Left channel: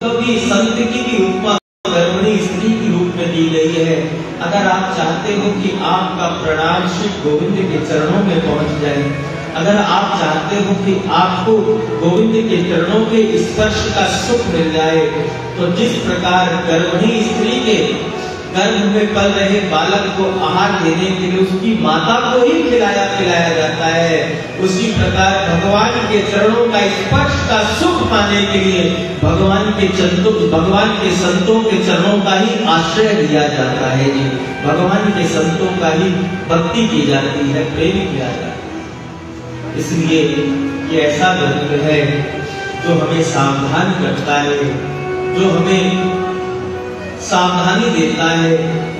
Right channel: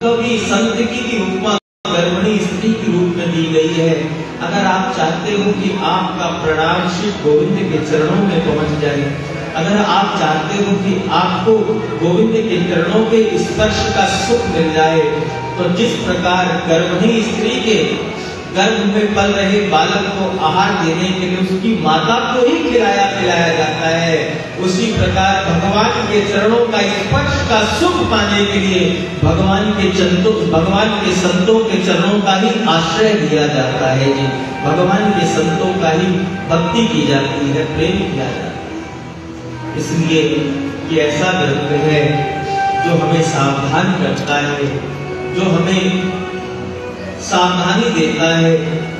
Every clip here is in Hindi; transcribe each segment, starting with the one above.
भी संत की भी उपमा गर्भिणी स्त्री के रूप में दी गई है। अगर आप चाहते हो कि आपका प्रणाम श्री गोविंद के चरणों में पहुंच जाए, अगर आप चाहते हो कि आपको गोविंद के चरणों के स्पर्श का सुख मिल जाए, तो जिस प्रकार गर्भिणी स्त्री के गर्भ में पल रहे बालक को आहार देने के लिए उसकी माता को ही खिलाया पिलाया जाता है, उसी प्रकार भगवान के चरणों का स्पर्श का सुख पाने के लिए भगवान के संतों के चरणों का ही आश्रय लिया जाता है। भगवान के संतों का ही भक्ति की जाती है, प्रेम किया जाता है। इसलिए ये ऐसा ग्रंथ है जो हमें सावधान करता है, जो हमें सावधानी देता है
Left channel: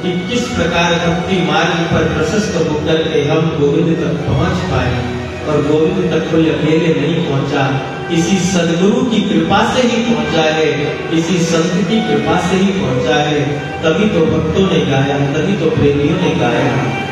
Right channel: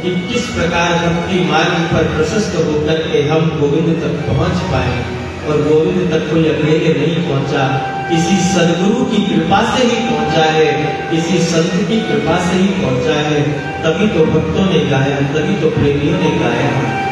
कि किस प्रकार भक्ति मार्ग पर प्रशस्त होकर के हम गोविंद तक पहुंच पाए। और गोविंद तक कोई अकेले नहीं पहुंचा, किसी सदगुरु की कृपा से ही पहुंचा है, किसी संत की कृपा से ही पहुंचा है। तभी तो भक्तों ने गाया, तभी तो प्रेमियों ने गाया।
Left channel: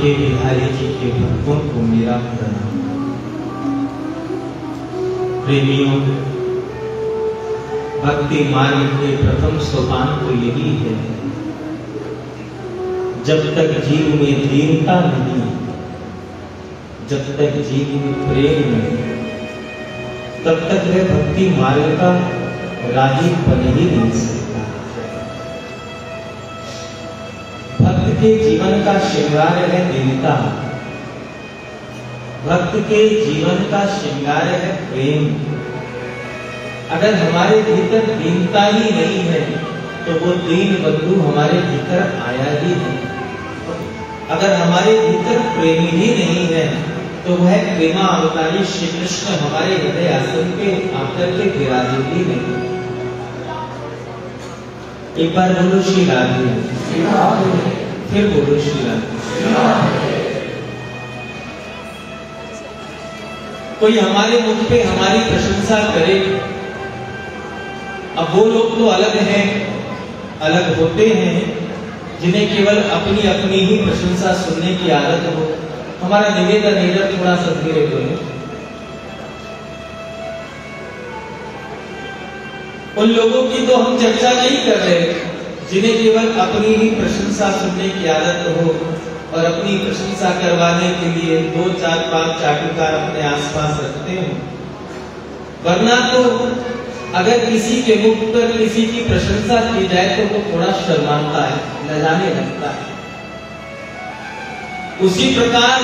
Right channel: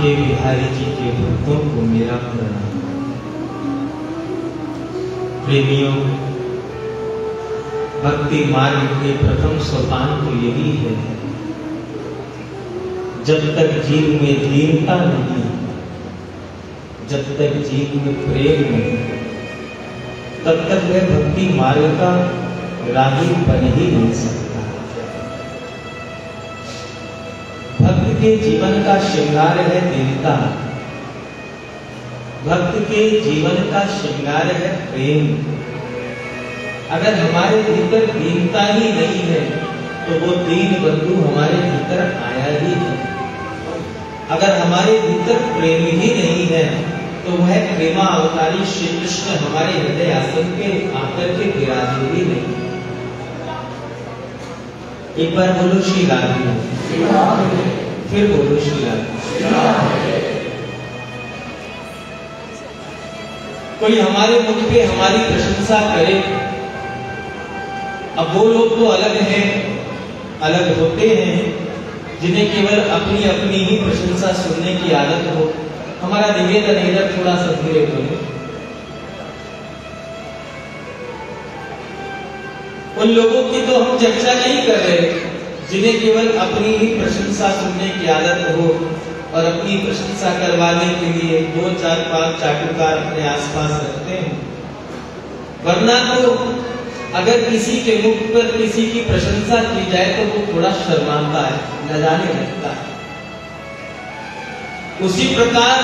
बांके बिहारी जी के भक्तों को मेरा प्रणाम। प्रेमियों, भक्ति मार्ग के प्रथम सोपान तो यही है, जब तक जीव में दीनता नहीं, जब तक जीव में प्रेम नहीं, तब तक वह भक्ति मार्ग का राही बन ही नहीं सकता। भक्त के जीवन का श्रृंगार है दीनता, भक्त के जीवन का श्रृंगार है प्रेम। अगर हमारे भीतर दीनता ही नहीं है तो वो दीन बंधु हमारे भीतर आया ही है। अगर हमारे भीतर प्रेम ही नहीं है तो वह प्रेमा अवतारी श्री कृष्ण हमारे हृदय आसन पे आकर के विराजे ही नहीं। एक बार बोलो श्री राधे, फिर बोलो श्री राधे। कोई हमारे मुख पे हमारी प्रशंसा करे, अब वो लोग तो अलग हैं, अलग होते हैं जिन्हें केवल अपनी अपनी ही प्रशंसा सुनने की आदत हो। हमारा निवेदन इधर थोड़ा सा धीरे बोले। उन लोगों की तो हम चर्चा नहीं कर रहे जिन्हें केवल अपनी ही प्रशंसा सुनने की आदत हो और अपनी प्रशंसा करवाने के लिए 2, 4, 5 चाटुकार अपने आसपास रखते हैं। वरना तो अगर किसी के मुख पर किसी की प्रशंसा की जाए तो वो थोड़ा शर्माता है, लजाने लगता है। उसी प्रकार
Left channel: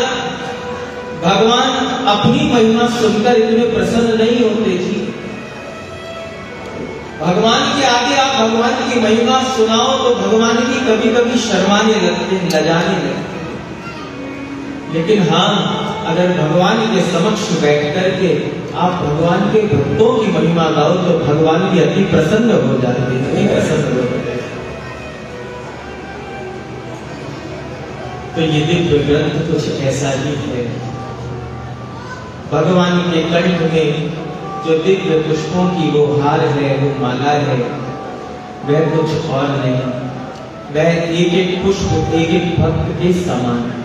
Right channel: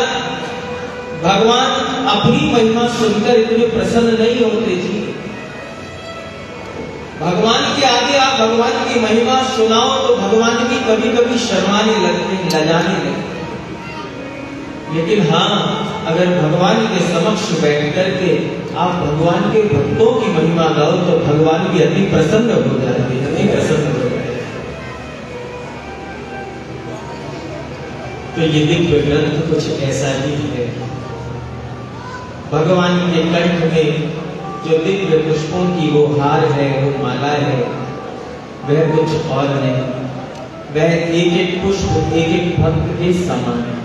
भगवान अपनी महिमा सुनकर इतने प्रसन्न नहीं होते जी। भगवान के आगे आप भगवान की महिमा सुनाओ तो भगवान भी कभी कभी शर्माने लगते हैं, लजाने लगते हैं। लेकिन हाँ, अगर भगवान के समक्ष बैठ करके आप भगवान के भक्तों की महिमा गाओ तो भगवान भी अति प्रसन्न हो जाते हैं, अति प्रसन्न हो जाते हैं। तो ये दिव्य ग्रंथ कुछ ऐसा ही है। भगवान के कंठ में जो दिव्य पुष्पों की वो हार है, वो माला है, वह कुछ और नहीं, वह एक एक पुष्प एक एक भक्त के समान है।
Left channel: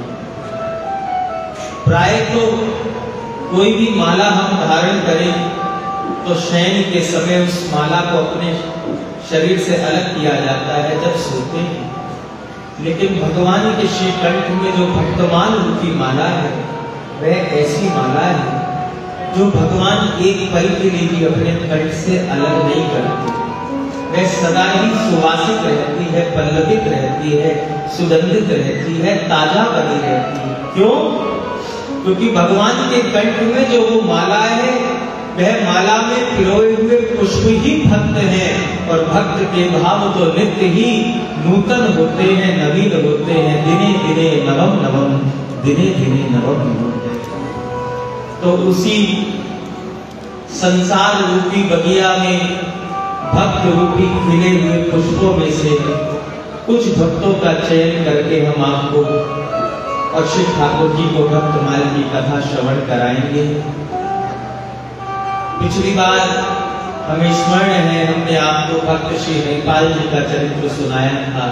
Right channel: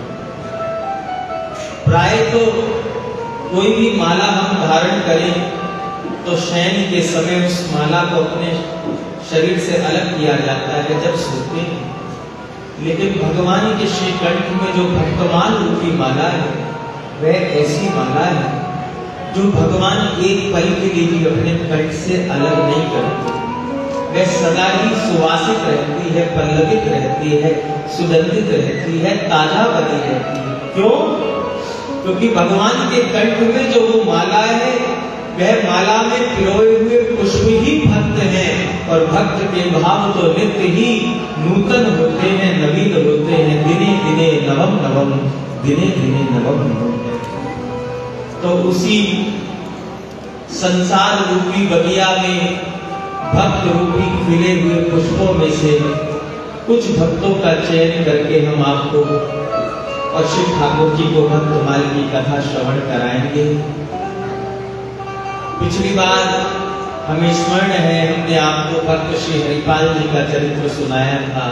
प्राय तो कोई भी माला हम धारण करें तो शयन के समय उस माला को अपने शरीर से अलग किया जाता है जब सोते हैं। लेकिन भगवान के श्री कंठ में जो भक्तमान रूपी माला है वह ऐसी माला है जो भगवान एक पल के लिए भी अपने कंठ से अलग नहीं करते। वह सदा ही सुवासित रहती है, पल्लवित रहती है, सुगंधित रहती है, ताजा बनी रहती है। क्यों? क्योंकि भगवान के कंठ में जो वो माला है वह माला में पिरोए हुए पुष्प ही भक्त हैं और भक्त के भाव तो नित्य ही नूतन होते हैं, नवीन होते हैं। दिने दिने नवम नवम, दिने दिने नवम नवम। तो उसी संसार रूपी बगिया में भक्त रूपी खिले हुए पुष्पों में से कुछ भक्तों का चयन करके हम आपको और श्री ठाकुर जी को भक्तमाल की कथा श्रवण कराएंगे। पिछली बार हमें स्मरण है, हमने आपको भक्त श्री हरिपाल जी का चरित्र सुनाया था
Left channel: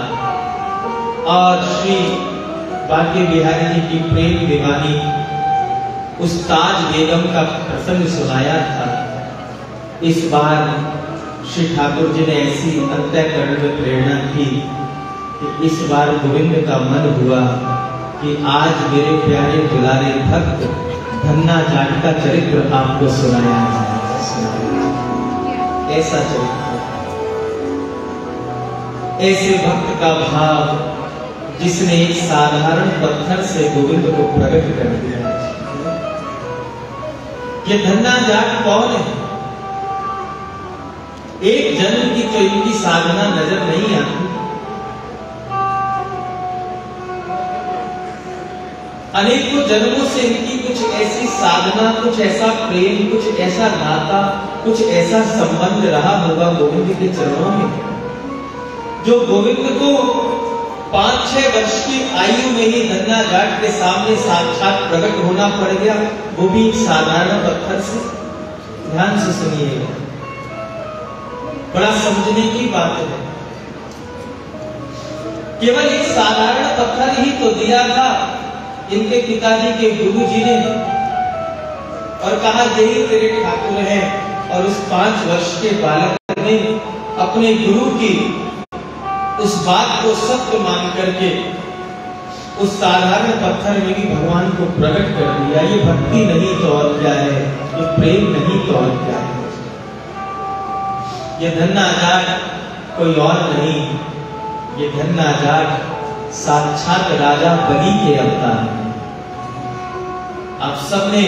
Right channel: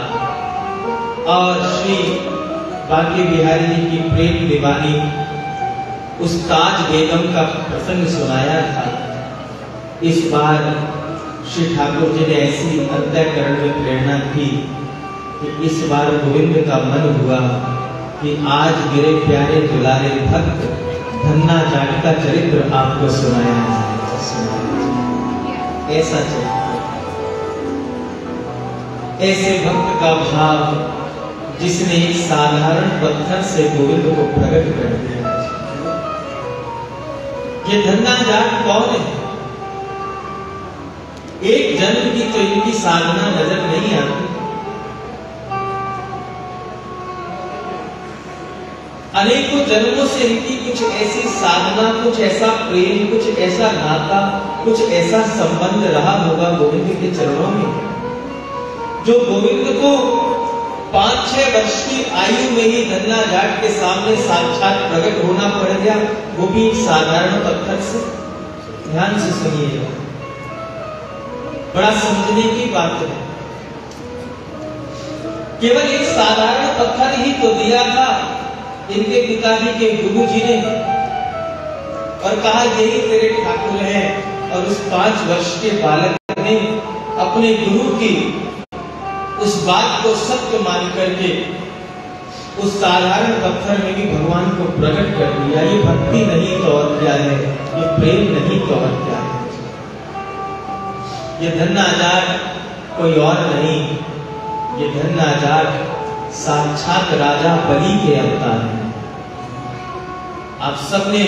और श्री बांके बिहारी जी की प्रेम दीवानी उस ताज बेगम का प्रसंग सुनाया था। इस बार श्री ठाकुर जी ने ऐसी अंतःकरण में प्रेरणा की कि इस बार गोविंद का मन हुआ कि आज मेरे प्यारे दुलारे भक्त धन्ना जाट का चरित्र आपको सुनाया है। ऐसा चरित्र, ऐसे भक्त का भाव जिसने एक साधारण पत्थर से गोविंद को प्रकट कर दिया। ये धन्ना जाट कौन है? एक जन्म की तो इनकी साधना नजर नहीं आती, अनेकों जन्मों से इनकी कुछ ऐसी साधना, कुछ ऐसा प्रेम, कुछ ऐसा नाता, कुछ ऐसा संबंध रहा होगा गोविंद के चरणों में, जो गोविंद को 5-6 वर्ष की आयु में ही धन्ना जाट के सामने साक्षात प्रकट होना पड़ गया, वो भी एक साधारण पत्थर से। ध्यान से सुनिएगा, बड़ा समझने की बात है। केवल एक साधारण पत्थर ही तो दिया था इनके पिताजी के गुरु जी ने और कहा यही तेरे ठाकुर हैं। और उस 5 वर्ष के बालक ने अपने गुरु की उस बात को सत्य मान करके उस साधारण पत्थर में भी भगवान को प्रकट कर दिया। ये भक्ति नहीं तो और क्या है, ये प्रेम नहीं तो और क्या है। ये धन्नाजात कोई और नहीं, ये धन्नाजात साक्षात राजा बलि के अवतार हैं। आप सबने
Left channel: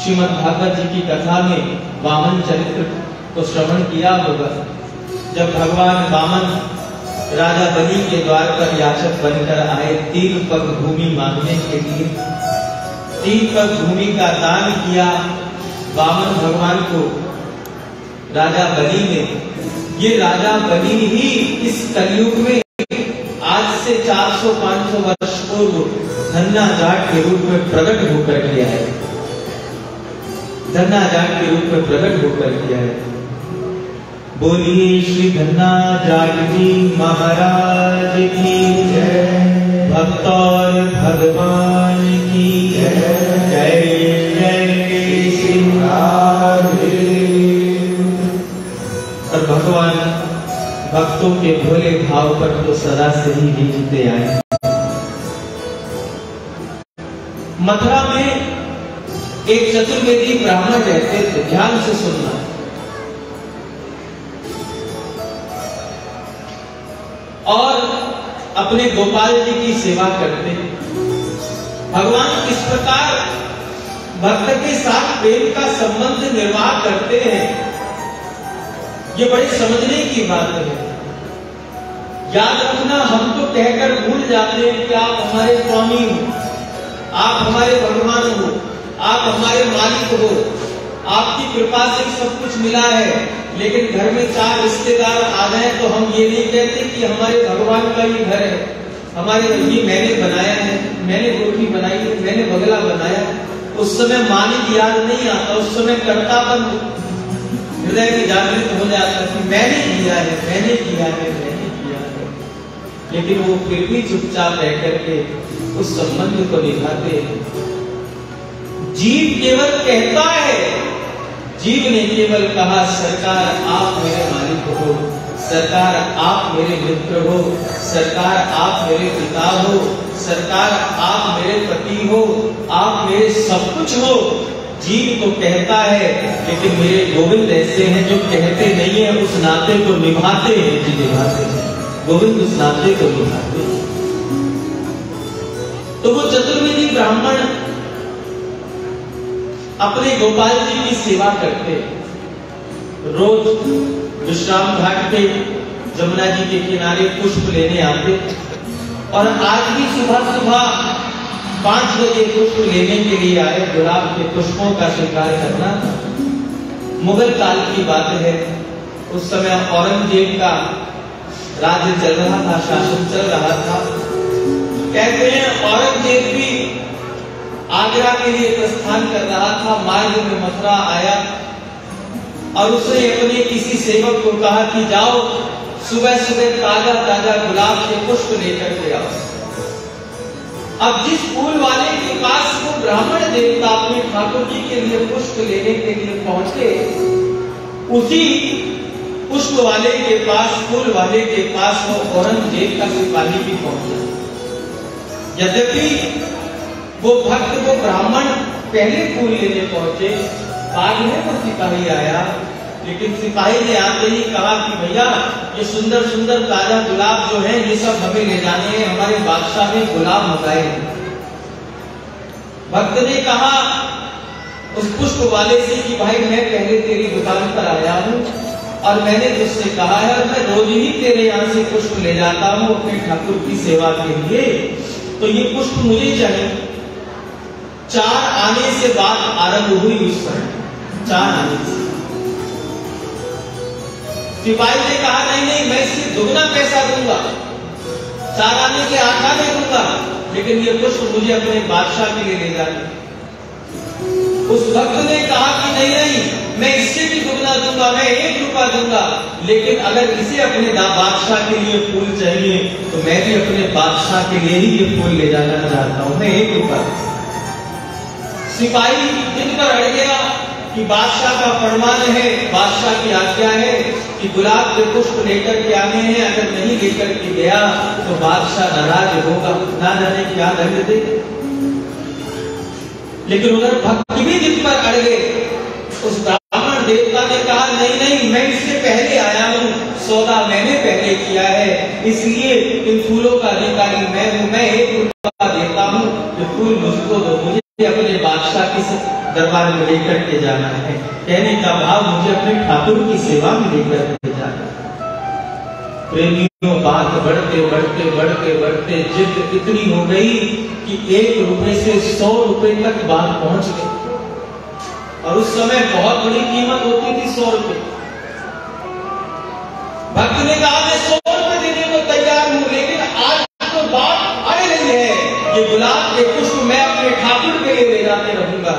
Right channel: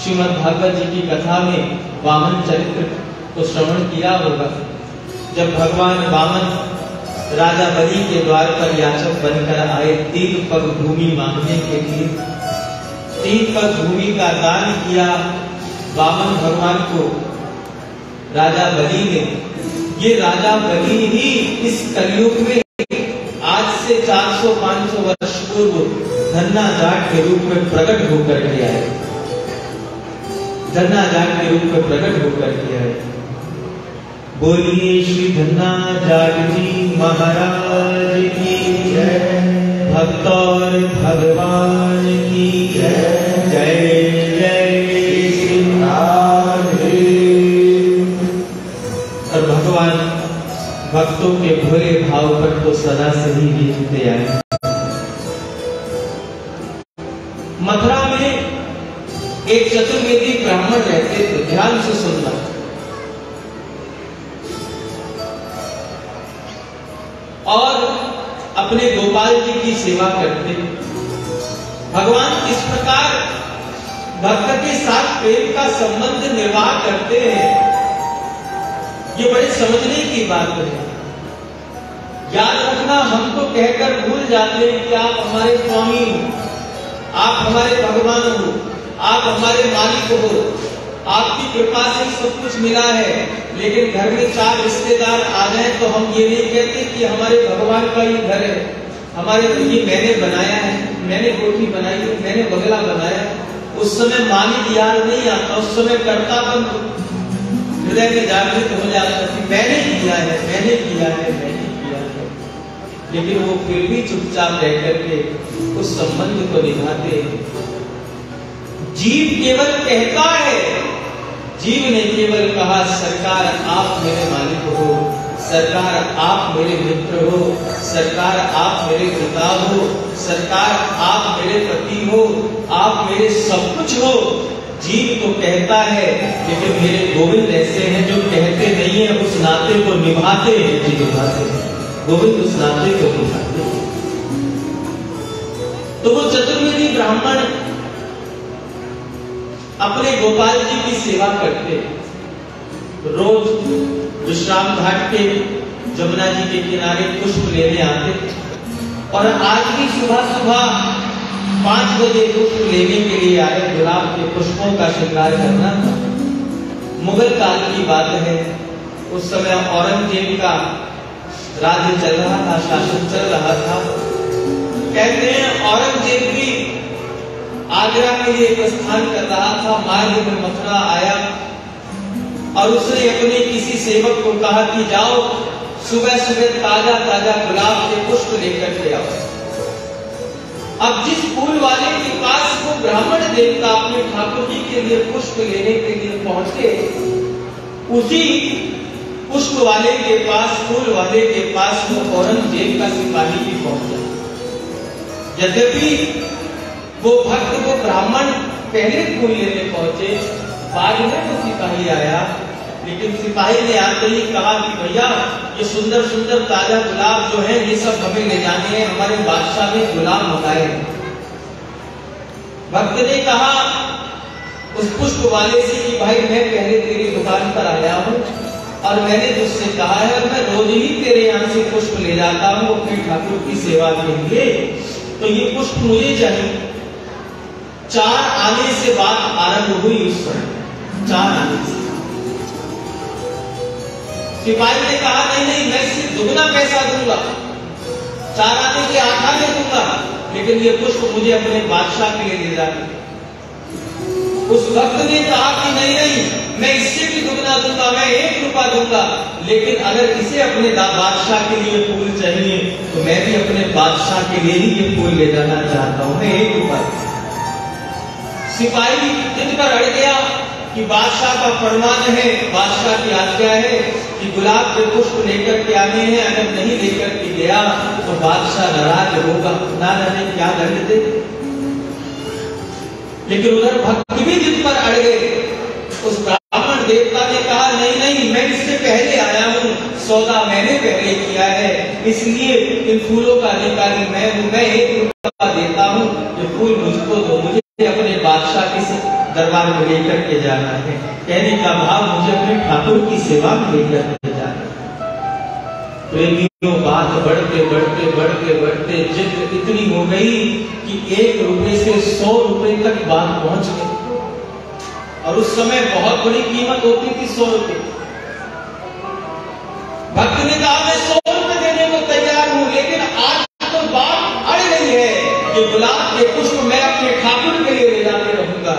श्रीमद् भागवत जी की कथा में वामन चरित्र को श्रवण किया होगा। जब भगवान वामन राजा बलि के द्वार पर याचक बनकर आए 3 पग भूमि मांगने के लिए, 3 पग भूमि का दान किया वामन भगवान को राजा बलि ने। ये राजा बलि ही इस कलयुग में आज से 400-500 वर्ष पूर्व धन्नाजाट के रूप में प्रकट होकर के आए, धन्नाजाट के रूप में प्रकट होकर के आए। बोलिए श्री धन्नाजाट जी महाराज की जय, भक्त और भगवान की जय। जय जय श्री राधे। और भगवान भक्तों के भोले भाव पर तो सदा से ही बीतते आए। मथुरा में एक चतुर्वेदी ब्राह्मण रहते थे, ध्यान से सुनना। और अपने गोपाल जी की सेवा करते। भगवान किस प्रकार भक्त के साथ प्रेम का संबंध निर्वाह करते हैं, ये बड़े समझने की बात है। याद रखना, हम तो कहकर भूल जाते हैं कि आप हमारे स्वामी हो, आप हमारे भगवान हो, आप हमारे मालिक हो, आपकी कृपा से सब कुछ मिला है। लेकिन घर में 4 रिश्तेदार आ जाए तो हम ये नहीं कहते कि हमारे भगवान का ही घर है, हमारे बुद्धि मैंने बनाया है, मैंने कोठी बनाई है, मैंने बंगला बनाया। उस समय मालिक याद नहीं आता, उस समय कर्तापन हृदय में जागृत हो जाता कि मैंने किया है, मैंने किया है, मैंने किया है। लेकिन वो फिर भी चुपचाप रह करके उस संबंध को निभाते हैं। जीव केवल कहता है, जीव ने केवल कहा सरकार आप मेरे मालिक हो, सरकार आप मेरे मित्र हो, सरकार आप मेरे पिता हो, सरकार आप मेरे पति हो, आप मेरे सब कुछ हो। जीव तो कहता है, लेकिन मेरे गोविंद ऐसे हैं जो कहते नहीं है, उस नाते को निभाते हैं। जी निभाते हैं, गोविंद उस नाते को निभाते हैं। तो वो चतुर्वेदी ब्राह्मण अपने गोपाल जी की सेवा करते। रोज विश्राम घाट पे जमुना जी के किनारे पुष्प लेने आते। और आज भी सुबह सुबह 5 बजे पुष्प लेने के लिए आए। गुलाब के पुष्पों का श्रृंगार करना मुगल काल की बात है। उस समय औरंगजेब का राज्य चल रहा था, शासन चल रहा था। कहते हैं औरंगजेब भी आगरा के लिए प्रस्थान कर रहा था। मार्ग में मथुरा आया और उसने अपने किसी सेवक को कहा कि जाओ सुबह सुबह ताजा ताजा गुलाब के पुष्प लेकर के आओ। अब जिस फूल वाले के पास वो ब्राह्मण देवता अपने ठाकुर जी के लिए पुष्प लेने के लिए पहुंचे, उसी पुष्प वाले के पास, फूल वाले के पास वो औरंगजेब का सिपाही भी पहुंचा। यद्यपि वो भक्त को ब्राह्मण पहले फूल लेने पहुंचे, बाद में वो सिपाही आया। लेकिन सिपाही ने आते ही कहा कि भैया ये सुंदर सुंदर ताजा गुलाब जो है ये सब हमें ले जाने हैं, हमारे बादशाह ने गुलाब मंगाए। भक्त ने कहा उस पुष्प वाले से कि भाई मैं पहले तेरी दुकान पर आया हूँ और मैंने तुझसे कहा है मैं रोज ही तेरे यहाँ से पुष्प ले जाता हूँ अपने ठाकुर की सेवा के लिए, तो ये पुष्प मुझे चाहिए। 4 आने से बात आरंभ हुई। उस समय 4 आने से सिपाही ने कहा नहीं नहीं मैं इससे दुगना पैसा दूंगा, 4 आने के 8 आने दूंगा, लेकिन ये पुष्प मुझे अपने बादशाह के लिए ले जाना। उस भक्त ने कहा कि नहीं नहीं मैं इससे भी दुगना दूंगा, मैं 1 रुपया दूंगा, लेकिन अगर इसे अपने बादशाह के लिए फूल चाहिए तो मैं भी अपने बादशाह के लिए ही ये फूल ले जाना चाहता हूं। मैं एक दूंगा। सिपाही जिद कर अड़ गया कि बादशाह का फरमान है, बादशाह की आज्ञा है कि गुलाब के पुष्प लेकर के आने हैं, अगर नहीं लेकर के गया तो बादशाह नाराज होगा। ना जाने क्या दंड दे। लेकिन उधर भक्त भी जिद पर अड़ गए। उस ब्राह्मण देवता ने कहा नहीं नहीं, मैं इससे पहले आया हूं, सौदा मैंने पहले किया है, इसलिए इन फूलों का अधिकारी मैं हूं। मैं एक फूल देता हूं, जो फूल मुझको दो, मुझे अपने बादशाह के दरबार में लेकर के जाना है। कहने का भाव मुझे अपने ठाकुर की सेवा में लेकर के जाना है। प्रेमियों बात बढ़ते बढ़ते बढ़ते बढ़ते जिद इतनी हो गई कि 1 रुपए से 100 रुपए तक बात पहुंच गई। और उस समय बहुत बड़ी कीमत होती थी 100 रुपए। भक्त ने कहा मैं 100 रुपए देने को तैयार हूं, लेकिन आज तो बात अड़ गई है कि गुलाब के पुष्प मैं अपने ठाकुर के लिए ले जाके रहूंगा।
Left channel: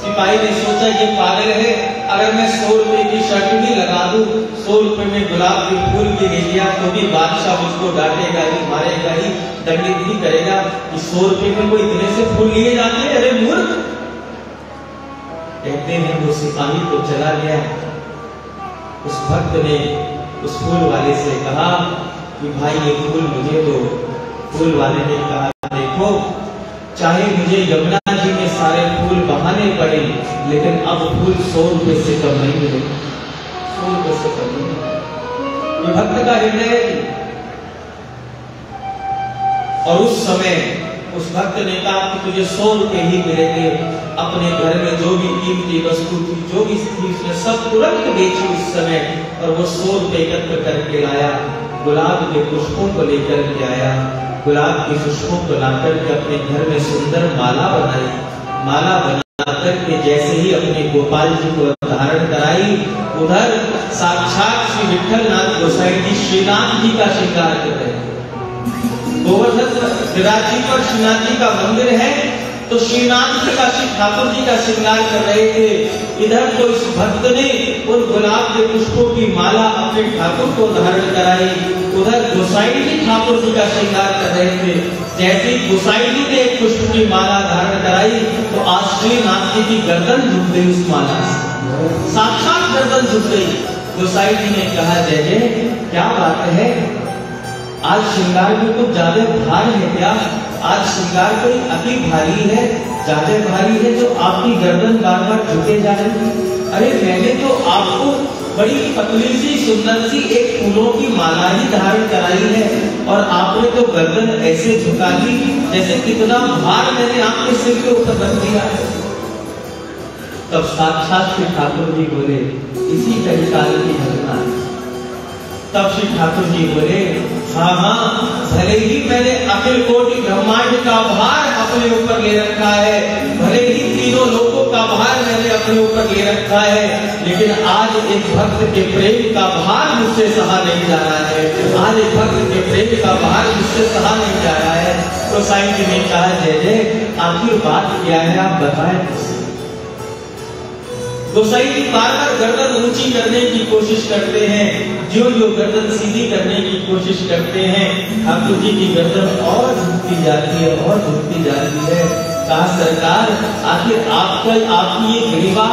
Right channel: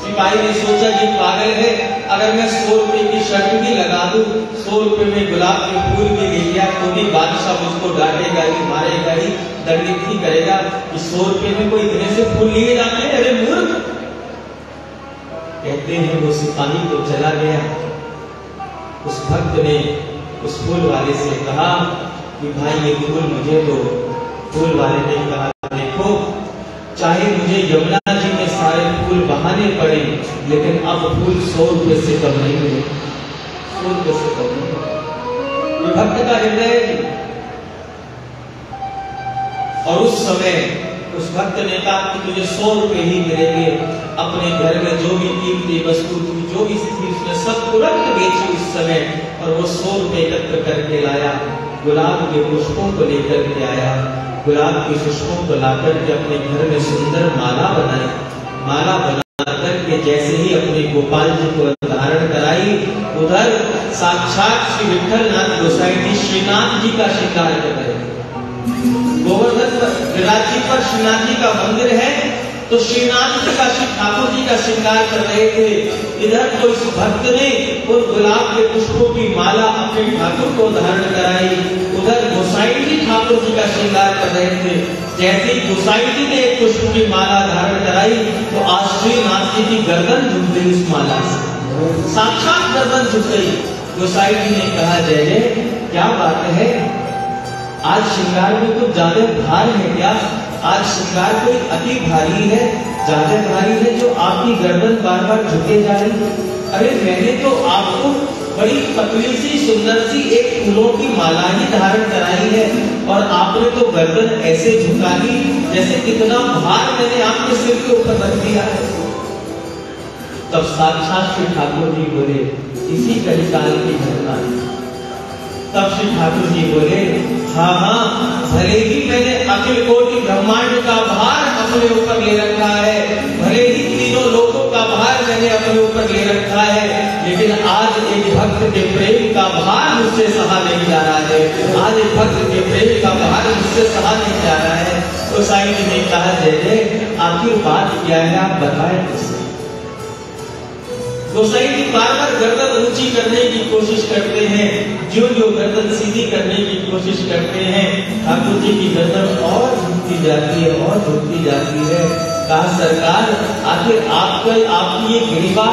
सिपाही ने सोचा ये पागल है, अगर मैं 100 रुपए की शर्त भी लगा दूं, 100 रुपए में गुलाब के फूल भी ले लिया तो भी बादशाह मुझको डांटेगा ही, मारेगा ही, दंडित ही करेगा कि 100 रुपए में कोई इतने से फूल लिए जाते हैं, अरे मूर्ख। कहते हैं वो सिपाही तो चला गया। उस भक्त ने उस फूल वाले से कहा कि भाई ये फूल मुझे दो। फूल वाले ने कहा देखो, चाहे मुझे यमुना जी में सारे फूल बहाने पड़े, लेकिन अब फूल 100 रुपए से कम नहीं मिले, 100 रुपए से कम नहीं। भक्त का निर्णय है। और उस समय उस भक्त ने कहा कि तुझे 100 रुपए ही मिलेंगे। अपने घर में जो भी कीमती वस्तु थी, जो भी थी, उसने सब तुरंत बेची उस समय, और वो 100 रुपए एकत्र करके लाया। गुलाब के पुष्पों को लेकर के आया। गुलाब के पुष्पों को लाकर के अपने घर में सुंदर माला बनाई। माला बना करके जैसे ही अपने गोपाल जी को धारण कराई, उधर साक्षात श्री विठलनाथ गोसाई जी श्रीनाथ जी का श्रृंगार कर रहे थे। गोवर्धन विराजी पर श्रीनाथ जी का मंदिर है, तो श्रीनाथ जी का, श्री ठाकुर जी का श्रृंगार कर रहे थे। इधर तो इस भक्त ने उन गुलाब के पुष्पों की माला अपने ठाकुर को धारण कराई, उधर गोसाई जी ठाकुर जी का श्रृंगार कर रहे थे। जैसे ही गोसाई जी ने एक पुष्प की माला धारण कराई तो आज श्रीनाथ जी की गर्दन झुक गई उस माला से, साक्षात गर्दन झुक गई। गोसाई जी ने कहा जय जय, क्या बात है, आज श्रृंगार में कुछ ज्यादा भार है क्या? आज श्रृंगार कोई अति भारी है, ज्यादा भारी है जो आपकी गर्दन बार बार झुके जा रही है? अरे मैंने तो आपको बड़ी पतली सी सुंदर सी एक फूलों की माला ही धारण कराई है, और आपने तो गर्दन ऐसे झुका दी जैसे कितना भार मैंने आपके सिर के ऊपर रख दिया है। तब साक्षात श्री ठाकुर जी बोले, इसी कलिकाल की घटना। तब श्री ठाकुर जी बोले, हाँ हाँ, भले ही मैंने अखिल कोटि ब्रह्मांड का भार अपने ऊपर ले रखा है, भले ही तीनों लोगों का भार मैंने अपने ऊपर ले रखा है, लेकिन आज एक भक्त के प्रेम का भार मुझसे सहा नहीं जा रहा है। आज एक भक्त के प्रेम का भार मुझसे सहा नहीं जा रहा है। गोसाई जी ने कहा जय जय, आखिर बात क्या है, आप बताएं मुझसे। गोसाई जी बार बार गर्दन ऊंची करने की कोशिश करते हैं, जो गर्दन सीधी करने की कोशिश करते हैं, ठाकुर जी की गर्दन और झुकती जाती है, और झुकती जाती है। कहा सरकार, आखिर आपकी ये गिरिवा,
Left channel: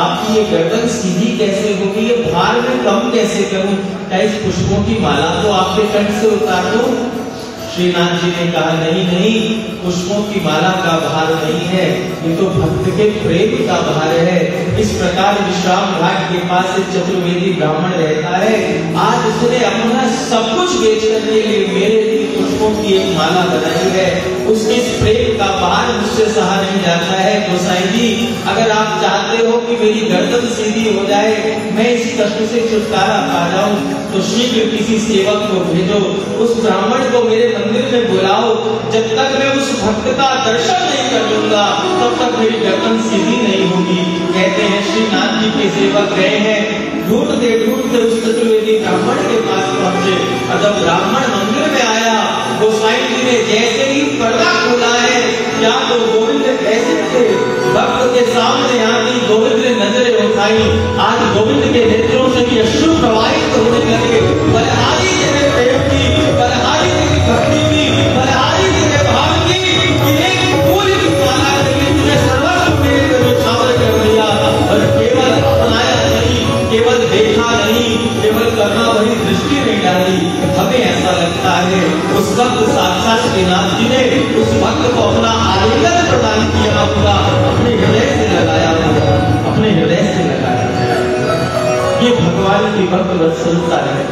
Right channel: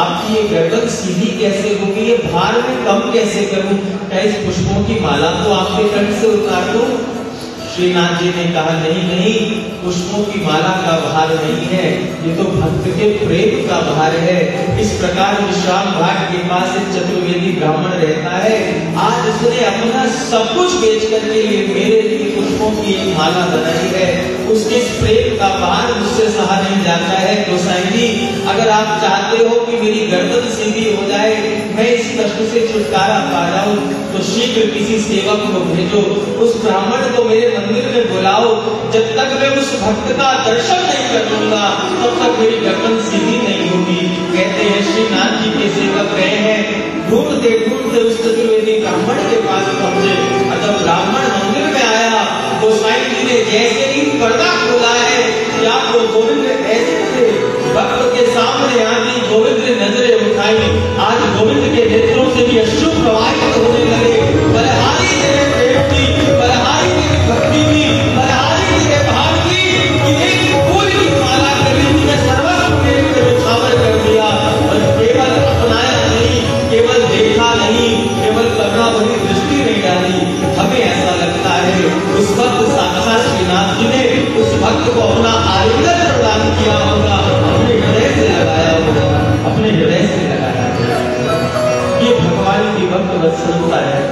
आपकी ये गर्दन सीधी कैसे होगी, ये भार में कम कैसे करूं? क्या इस पुष्पों की माला को आपके कंठ से उतार दूं? श्रीनाथ जी ने कहा नहीं नहीं, पुष्पों की माला का भार नहीं है, ये तो भक्त के प्रेम का भार है। इस प्रकार विश्राम घाट के पास एक चतुर्वेदी ब्राह्मण रहता है। आज उसने अपना सब कुछ बेच करने के लिए मेरे लिए पुष्पों की एक माला बनाई है। उसके इस प्रेम का भार मुझसे सहा नहीं जाता है। गोसाई जी, अगर आप चाहते हो कि मेरी गर्दन सीधी हो जाए, मैं इस कष्ट से छुटकारा पा जाऊं, तो शीघ्र किसी सेवक को भेजो, उस ब्राह्मण को मेरे मंदिर में बुलाओ। जब तक मैं उस भक्त का दर्शन नहीं कर लूंगा, तब तक मेरी गर्दन सीधी नहीं होगी। कहते हैं श्रीनाथ जी के सेवक गए हैं, ढूंढते ढूंढते उस चतुर्वेदी ब्राह्मण के पास पहुंचे। और जब ब्राह्मण मंदिर में आया, गोसाई जी ने जैसे ही पर्दा खोला है, क्या तो गोविंद ऐसे थे, भक्त के सामने आती गोविंद ने नजरें उठाई। आज गोविंद के नेत्रों से भी अश्रु भक्त वत्सलता है,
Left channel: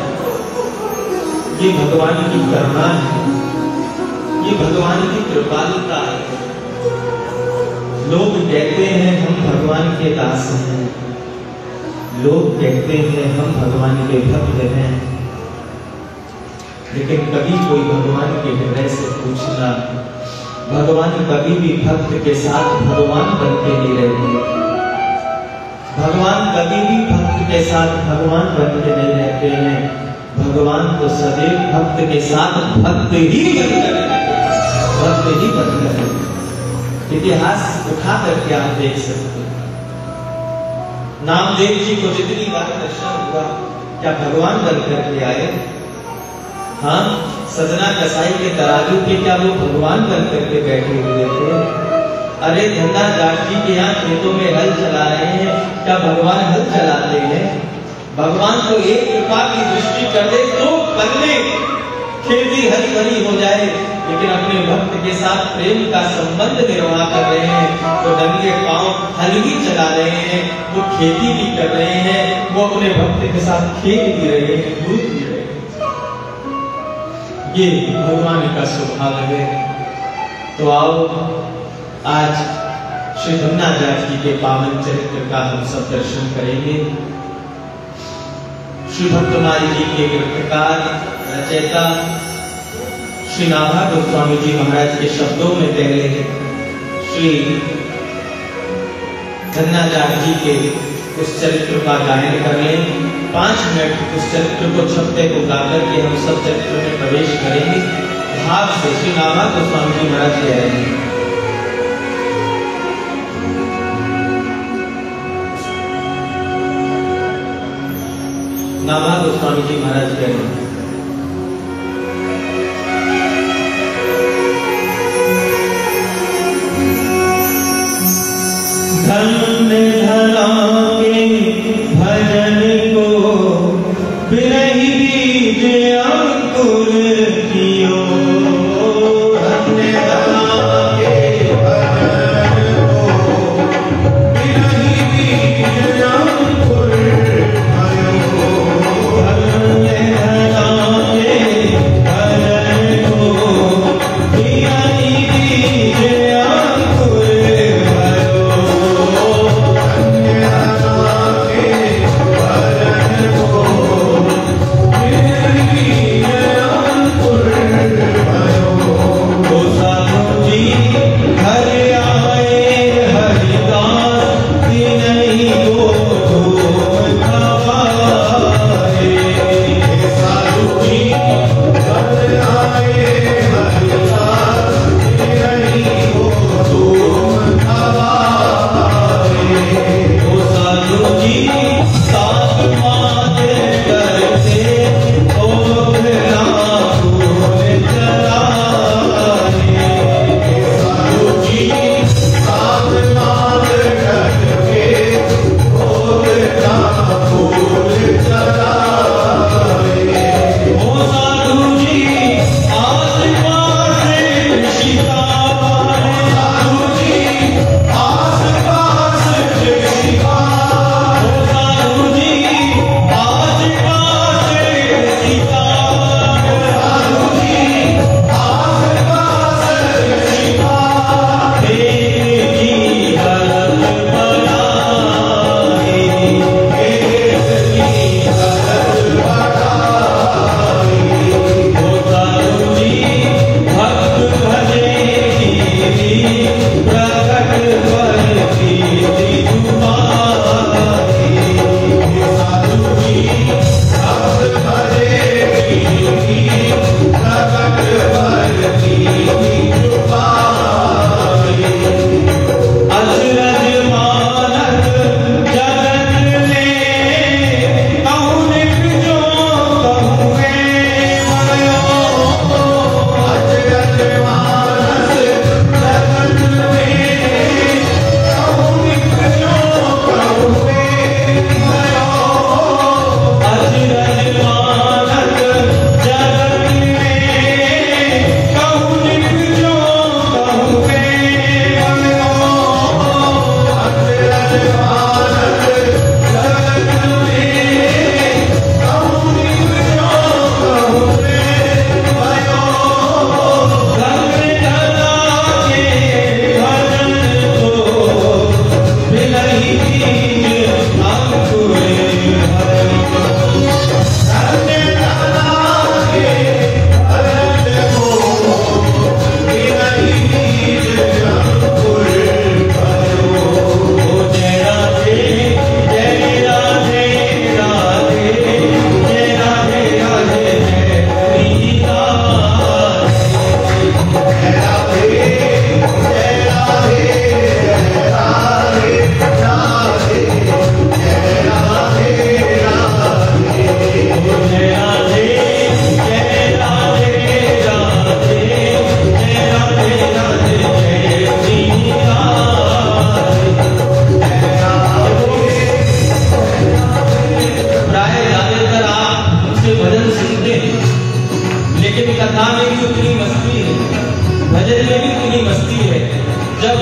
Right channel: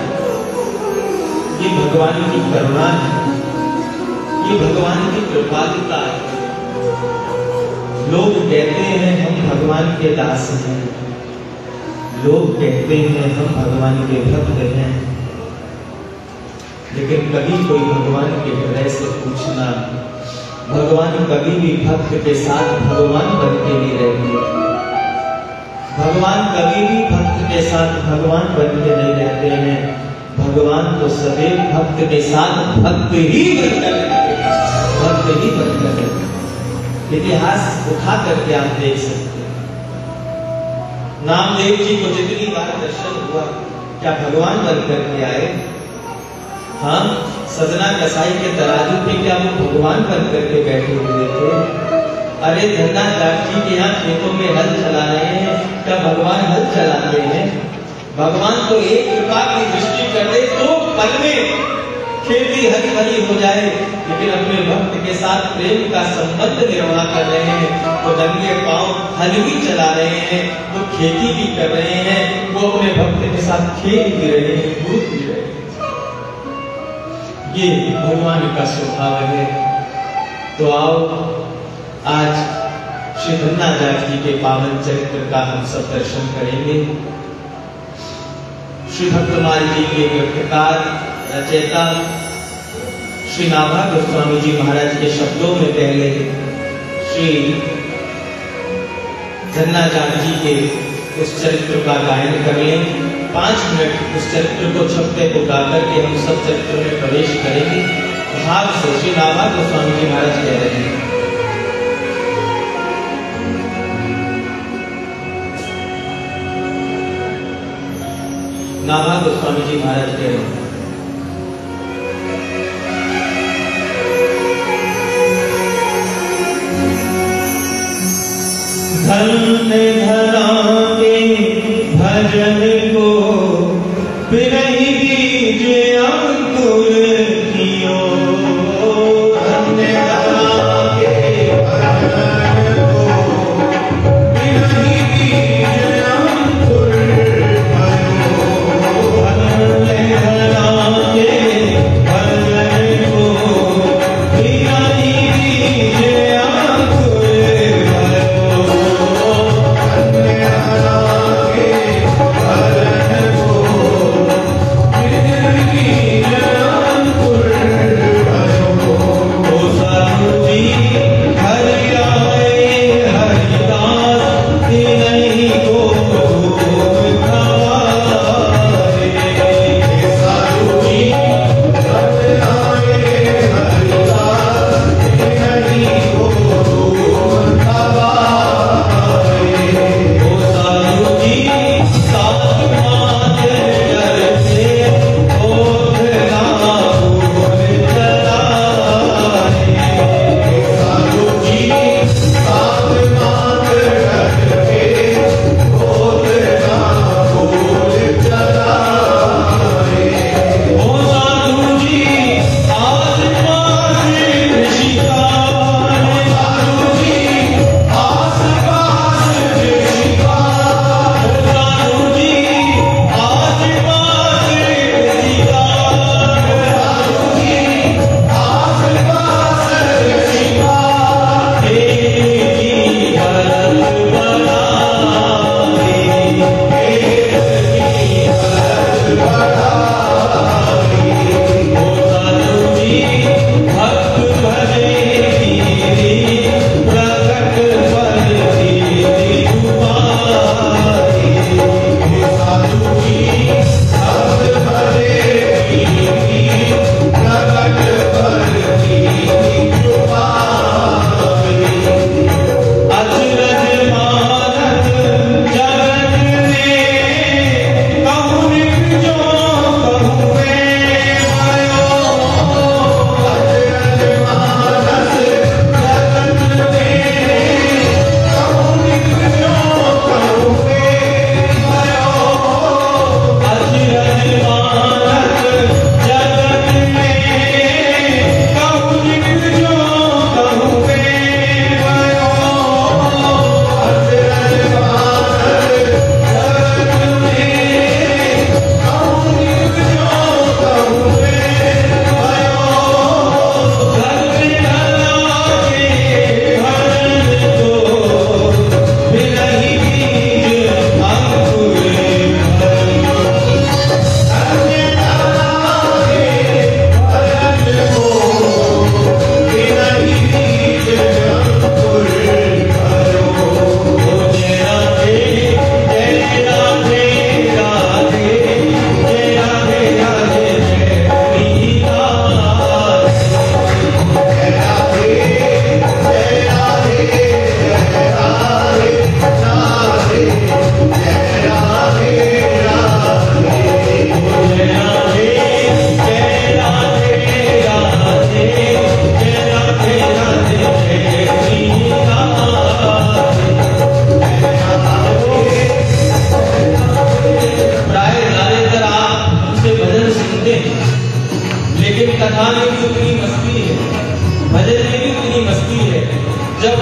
ये भगवान की करुणा है, ये भगवान की कृपालुता है। लोग कहते हैं हम भगवान के दास हैं, लोग कहते हैं हम भगवान के भक्त हैं, लेकिन कभी कोई भगवान के हृदय से पूछना, भगवान कभी भी भक्त के साथ भगवान बन के नहीं रहते। भगवान कभी भी भक्त के साथ भगवान बन के नहीं रहते हैं। भगवान तो सदैव भक्त के साथ भक्त ही बनकर रहते हैं, भक्त ही बनकर रहते। इतिहास उठा करके आप देख सकते हैं, नामदेव जी को जितनी बार दर्शन हुआ, क्या भगवान बनकर के आए? हाँ, सजना कसाई के तराजू पे क्या वो भगवान बनकर के बैठे हुए थे? अरे धन्ना दास जी के यहाँ खेतों में हल चला रहे हैं, क्या भगवान हल चलाते हैं? भगवान को एक कृपा की दृष्टि कर दे तो पल में खेती हल भरी हो जाए, लेकिन अपने भक्त के साथ प्रेम का संबंध निर्वाह कर रहे हैं, तो नंगे पांव हल भी चला रहे हैं, वो खेती भी कर रहे हैं, वो अपने भक्त के साथ खेल भी रहे हैं, कूद भी रहे हैं। ये भगवान का स्वभाव है। तो आओ आज श्री धन्नादास जी के पावन चरित्र का हम सब दर्शन करेंगे। श्री भक्तमाली जी के ग्रंथकार रचयिता श्री नाभा गोस्वामी जी महाराज के शब्दों में पहले श्री धन्नादास जी के उस चरित्र का गायन कर लें। 5 मिनट उस चरित्र को छपते को गाकर के हम सब चरित्र में प्रवेश करेंगे। भाव से श्री नाभा गोस्वामी जी महाराज कह रहे हैं, नाभा गोस्वामी जी महाराज कह रहे हैं, धन्य धरा के भजन को बिरही बीज अंकुर कियो, धन्य धरा के भजन को बिरही बीज अंकुर कियो, धन्य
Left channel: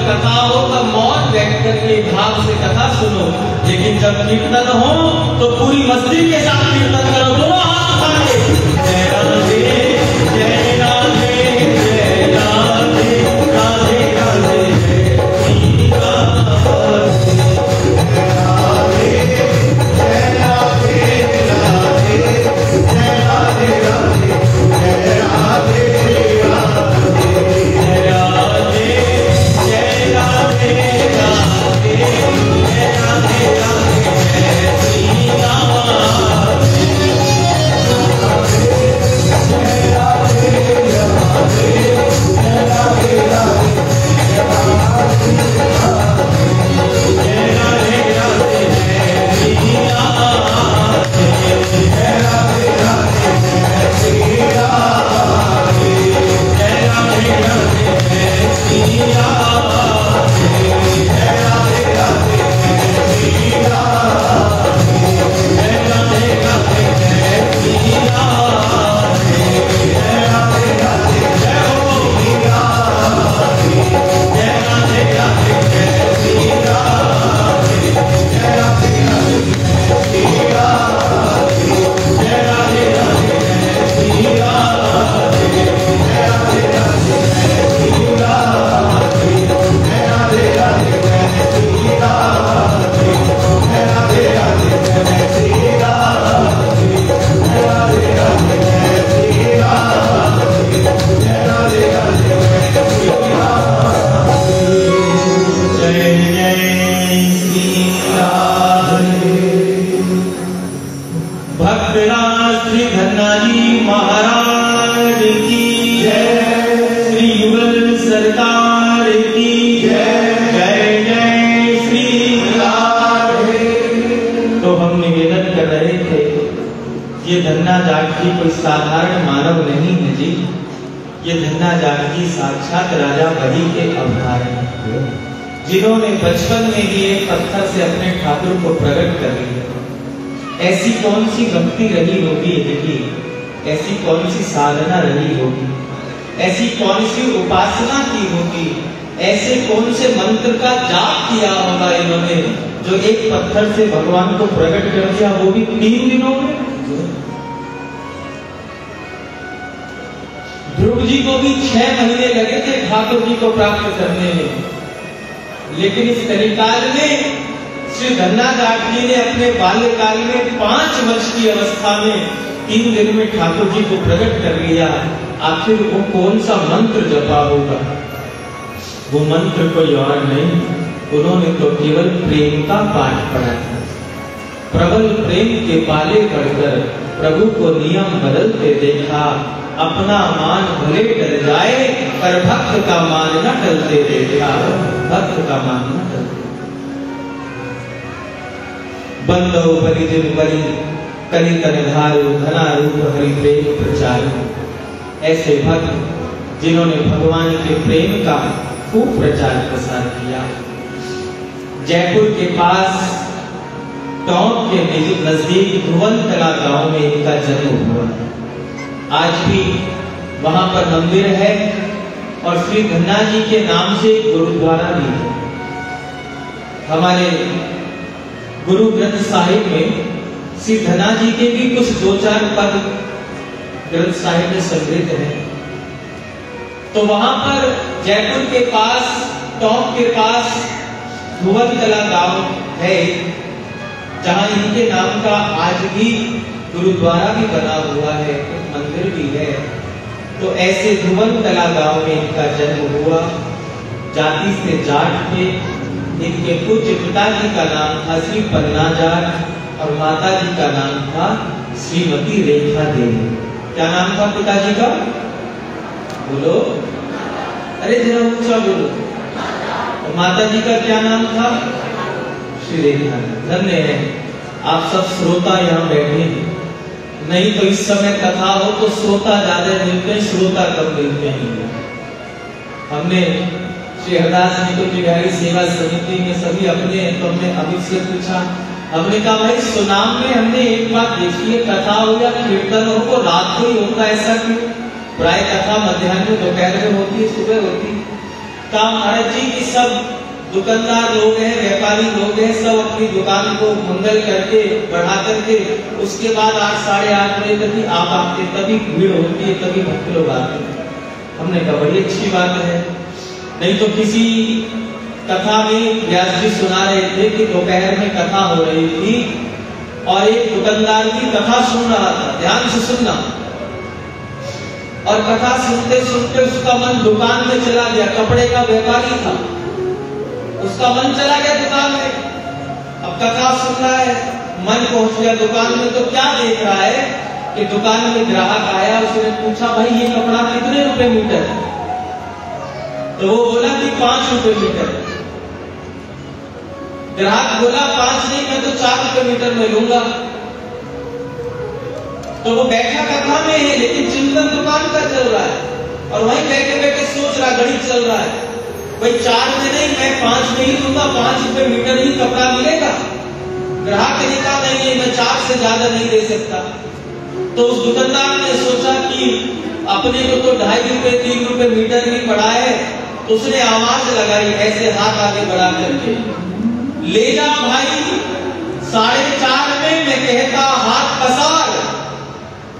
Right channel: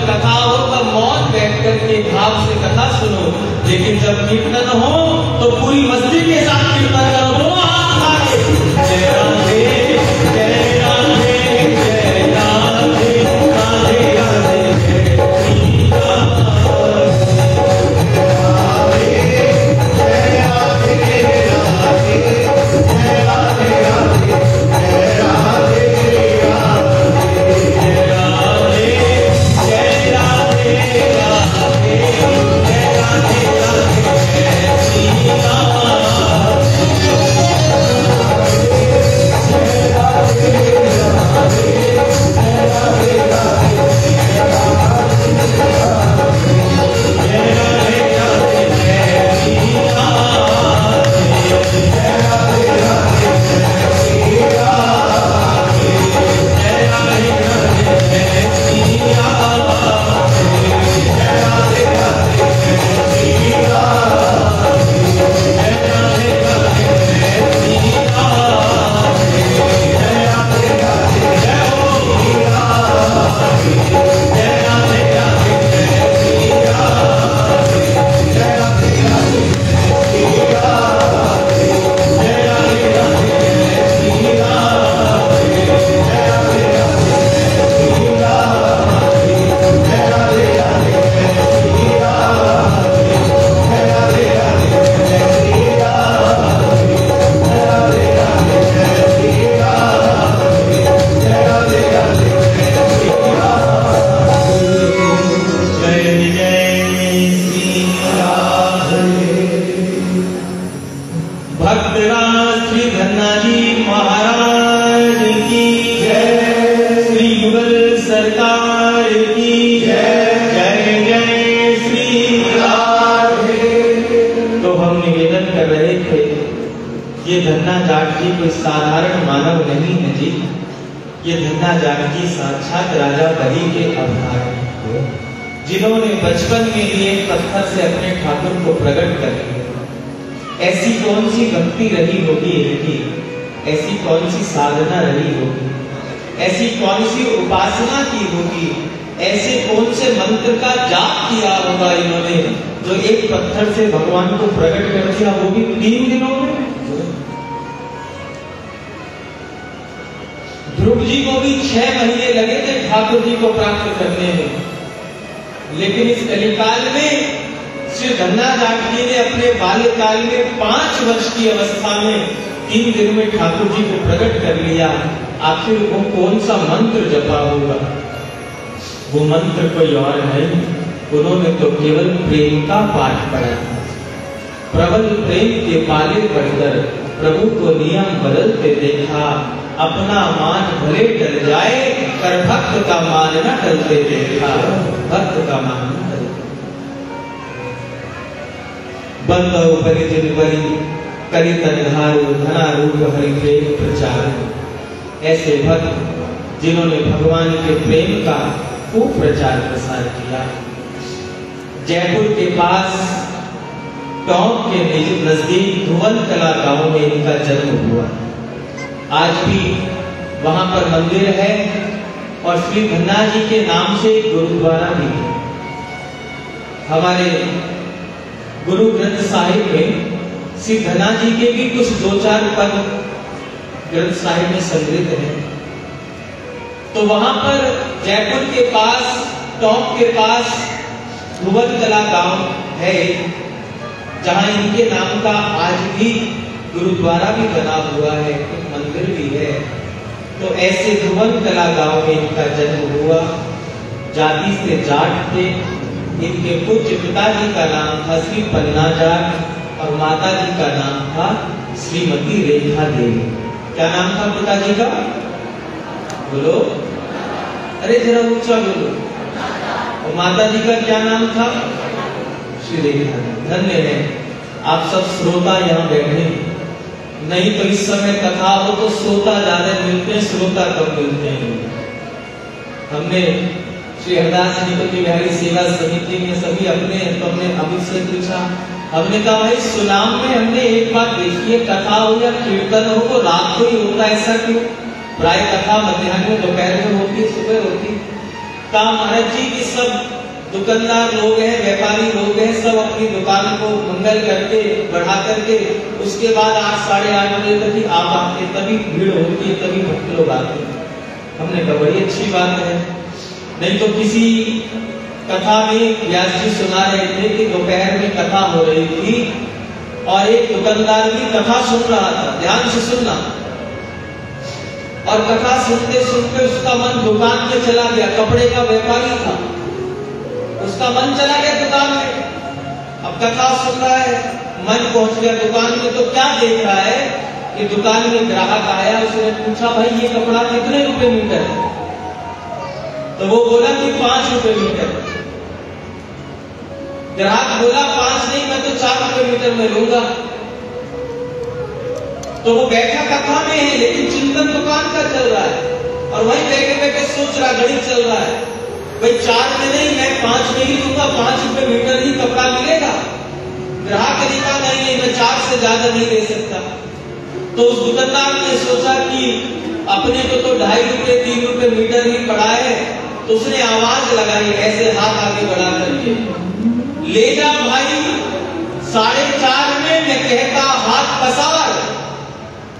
कथा हो तब मौन बैठ करके भाव से कथा सुनो, लेकिन जब कीर्तन हो तो पूरी मस्ती के साथ कीर्तन करो। दोनों हाथ उठा के जय राधे जय राधे जय राधे राधे राधे जय ये धन्ना जाट जी कोई साधारण मानव नहीं है जी, ये धन्ना जाट जी साक्षात राजा बलि के अवतार हैं, जिन्होंने बचपन में ही एक पत्थर से अपने ठाकुर को प्रकट कर लिया। ऐसी कौन सी भक्ति रही होगी इनकी, ऐसी कौन सी साधना रही होगी, ऐसी कौन सी उपासना की होगी, ऐसे कौन से मंत्र का जाप किया होगा इन्होंने, जो एक पत्थर से भगवान को प्रकट कर दिया, वो भी 3 दिनों में। ध्रुव जी को भी 6 महीने लगे थे ठाकुर जी को प्राप्त करने में, लेकिन इस कलिकाल में श्री धन्ना जाट जी ने अपने बाल्यकाल में 5 वर्ष की अवस्था में 3 दिन में ठाकुर जी को प्रकट कर लिया। आखिर वो कौन सा मंत्र जपा होगा? वो मंत्र कोई और नहीं, उन्होंने तो केवल प्रेम का पाठ पढ़ा था। प्रबल प्रेम के पाले पढ़कर प्रभु को नियम बदलते देखा, अपना मान भले टल जाए पर भक्त का मान न टलते देखा, भक्त का मान न टलते। बंद हो परिजन बलि कलि तनहारो धना रूप हरि प्रेम प्रचार। ऐसे भक्त जिन्होंने भगवान के प्रेम का खूब प्रचार प्रसार किया। जयपुर के पास टोंक के नजदीक धुवनकला गांव में इनका जन्म हुआ। आज भी वहां पर मंदिर है और श्री धन्ना जी के नाम से गुरुद्वारा भी है। हमारे गुरु ग्रंथ साहिब में श्री धन्ना जी के भी कुछ 2-4 पद ग्रंथ साहिब में संग्रहित है। तो वहां पर जयपुर के पास टोंक के पास धुवनकला गांव है, जहां इनके नाम का आज भी गुरुद्वारा भी बना हुआ है, मंदिर भी है। तो ऐसे धुवनकला गांव में इनका जन्म हुआ। जाति से जाट थे। इनके पूज्य पिताजी का नाम था श्री पन्ना जाट और माता जी का नाम था श्रीमती रेखा देवी। क्या नाम था पिताजी का? बोलो, अरे जरा ऊंचा बोलो। और माता जी का क्या नाम था? श्री रेखा। धन्य है आप सब श्रोता यहाँ बैठे, नहीं तो इस समय कथा हो तो श्रोता ज्यादा मिलते हैं, श्रोता कम मिलते हैं। हमने श्री हरदास निकुंज बिहारी सेवा समिति में सभी अपने, तो हमने अभी से पूछा, हमने कहा भाई सुनाम में हमने एक बात देखी है, कथा हो या कीर्तन हो तो रात को ही होता है, ऐसा क्यों? प्राय कथा मध्याह्न में दोपहर में होती है, सुबह होती। काम महाराज जी की सब दुकानदार लोग हैं, व्यापारी लोग हैं, सब अपनी दुकान को मंगल करके बढ़ा करके उसके बाद 8 साढ़े 8 बजे तक ही आप आते, तभी भीड़ होती है, तभी भक्त लोग आते हैं। हमने कहा बड़ी अच्छी बात है। नहीं तो किसी कथा में व्यास जी सुना रहे थे कि दोपहर में कथा हो रही थी और एक दुकानदार की कथा सुन रहा था, ध्यान से सुनना, और कथा सुनते सुनते उसका मन दुकान में चला गया। कपड़े का व्यापारी था, उसका मन चला गया दुकान में। अब कथा सुन रहा है, मन पहुंच गया दुकान में, तो क्या देख रहा है कि दुकान में ग्राहक आया, उसने पूछा भाई ये कपड़ा कितने रुपए मीटर है? तो वो बोला कि 5 रुपए मीटर। ग्राहक बोला 5 नहीं, मैं तो 4 रुपए मीटर में लूंगा। तो वो बैठा कथा में है लेकिन चिंतन दुकान का चल रहा है और वहीं बैठे बैठे सोच रहा, गणित चल रहा है, भाई 4 में नहीं मैं 5 में ही दूंगा, 5 रुपए मीटर ही कपड़ा मिलेगा। ग्राहक ने कहा नहीं मैं 4 से ज्यादा नहीं दे सकता। तो उस दुकानदार ने सोचा कि अपने को तो 2.5 रुपए 3 रुपए मीटर ही पड़ा है, उसने आवाज लगाई ऐसे हाथ आगे बढ़ा करके, ले जा भाई 4.5 में, मैं कहता हाथ पसार।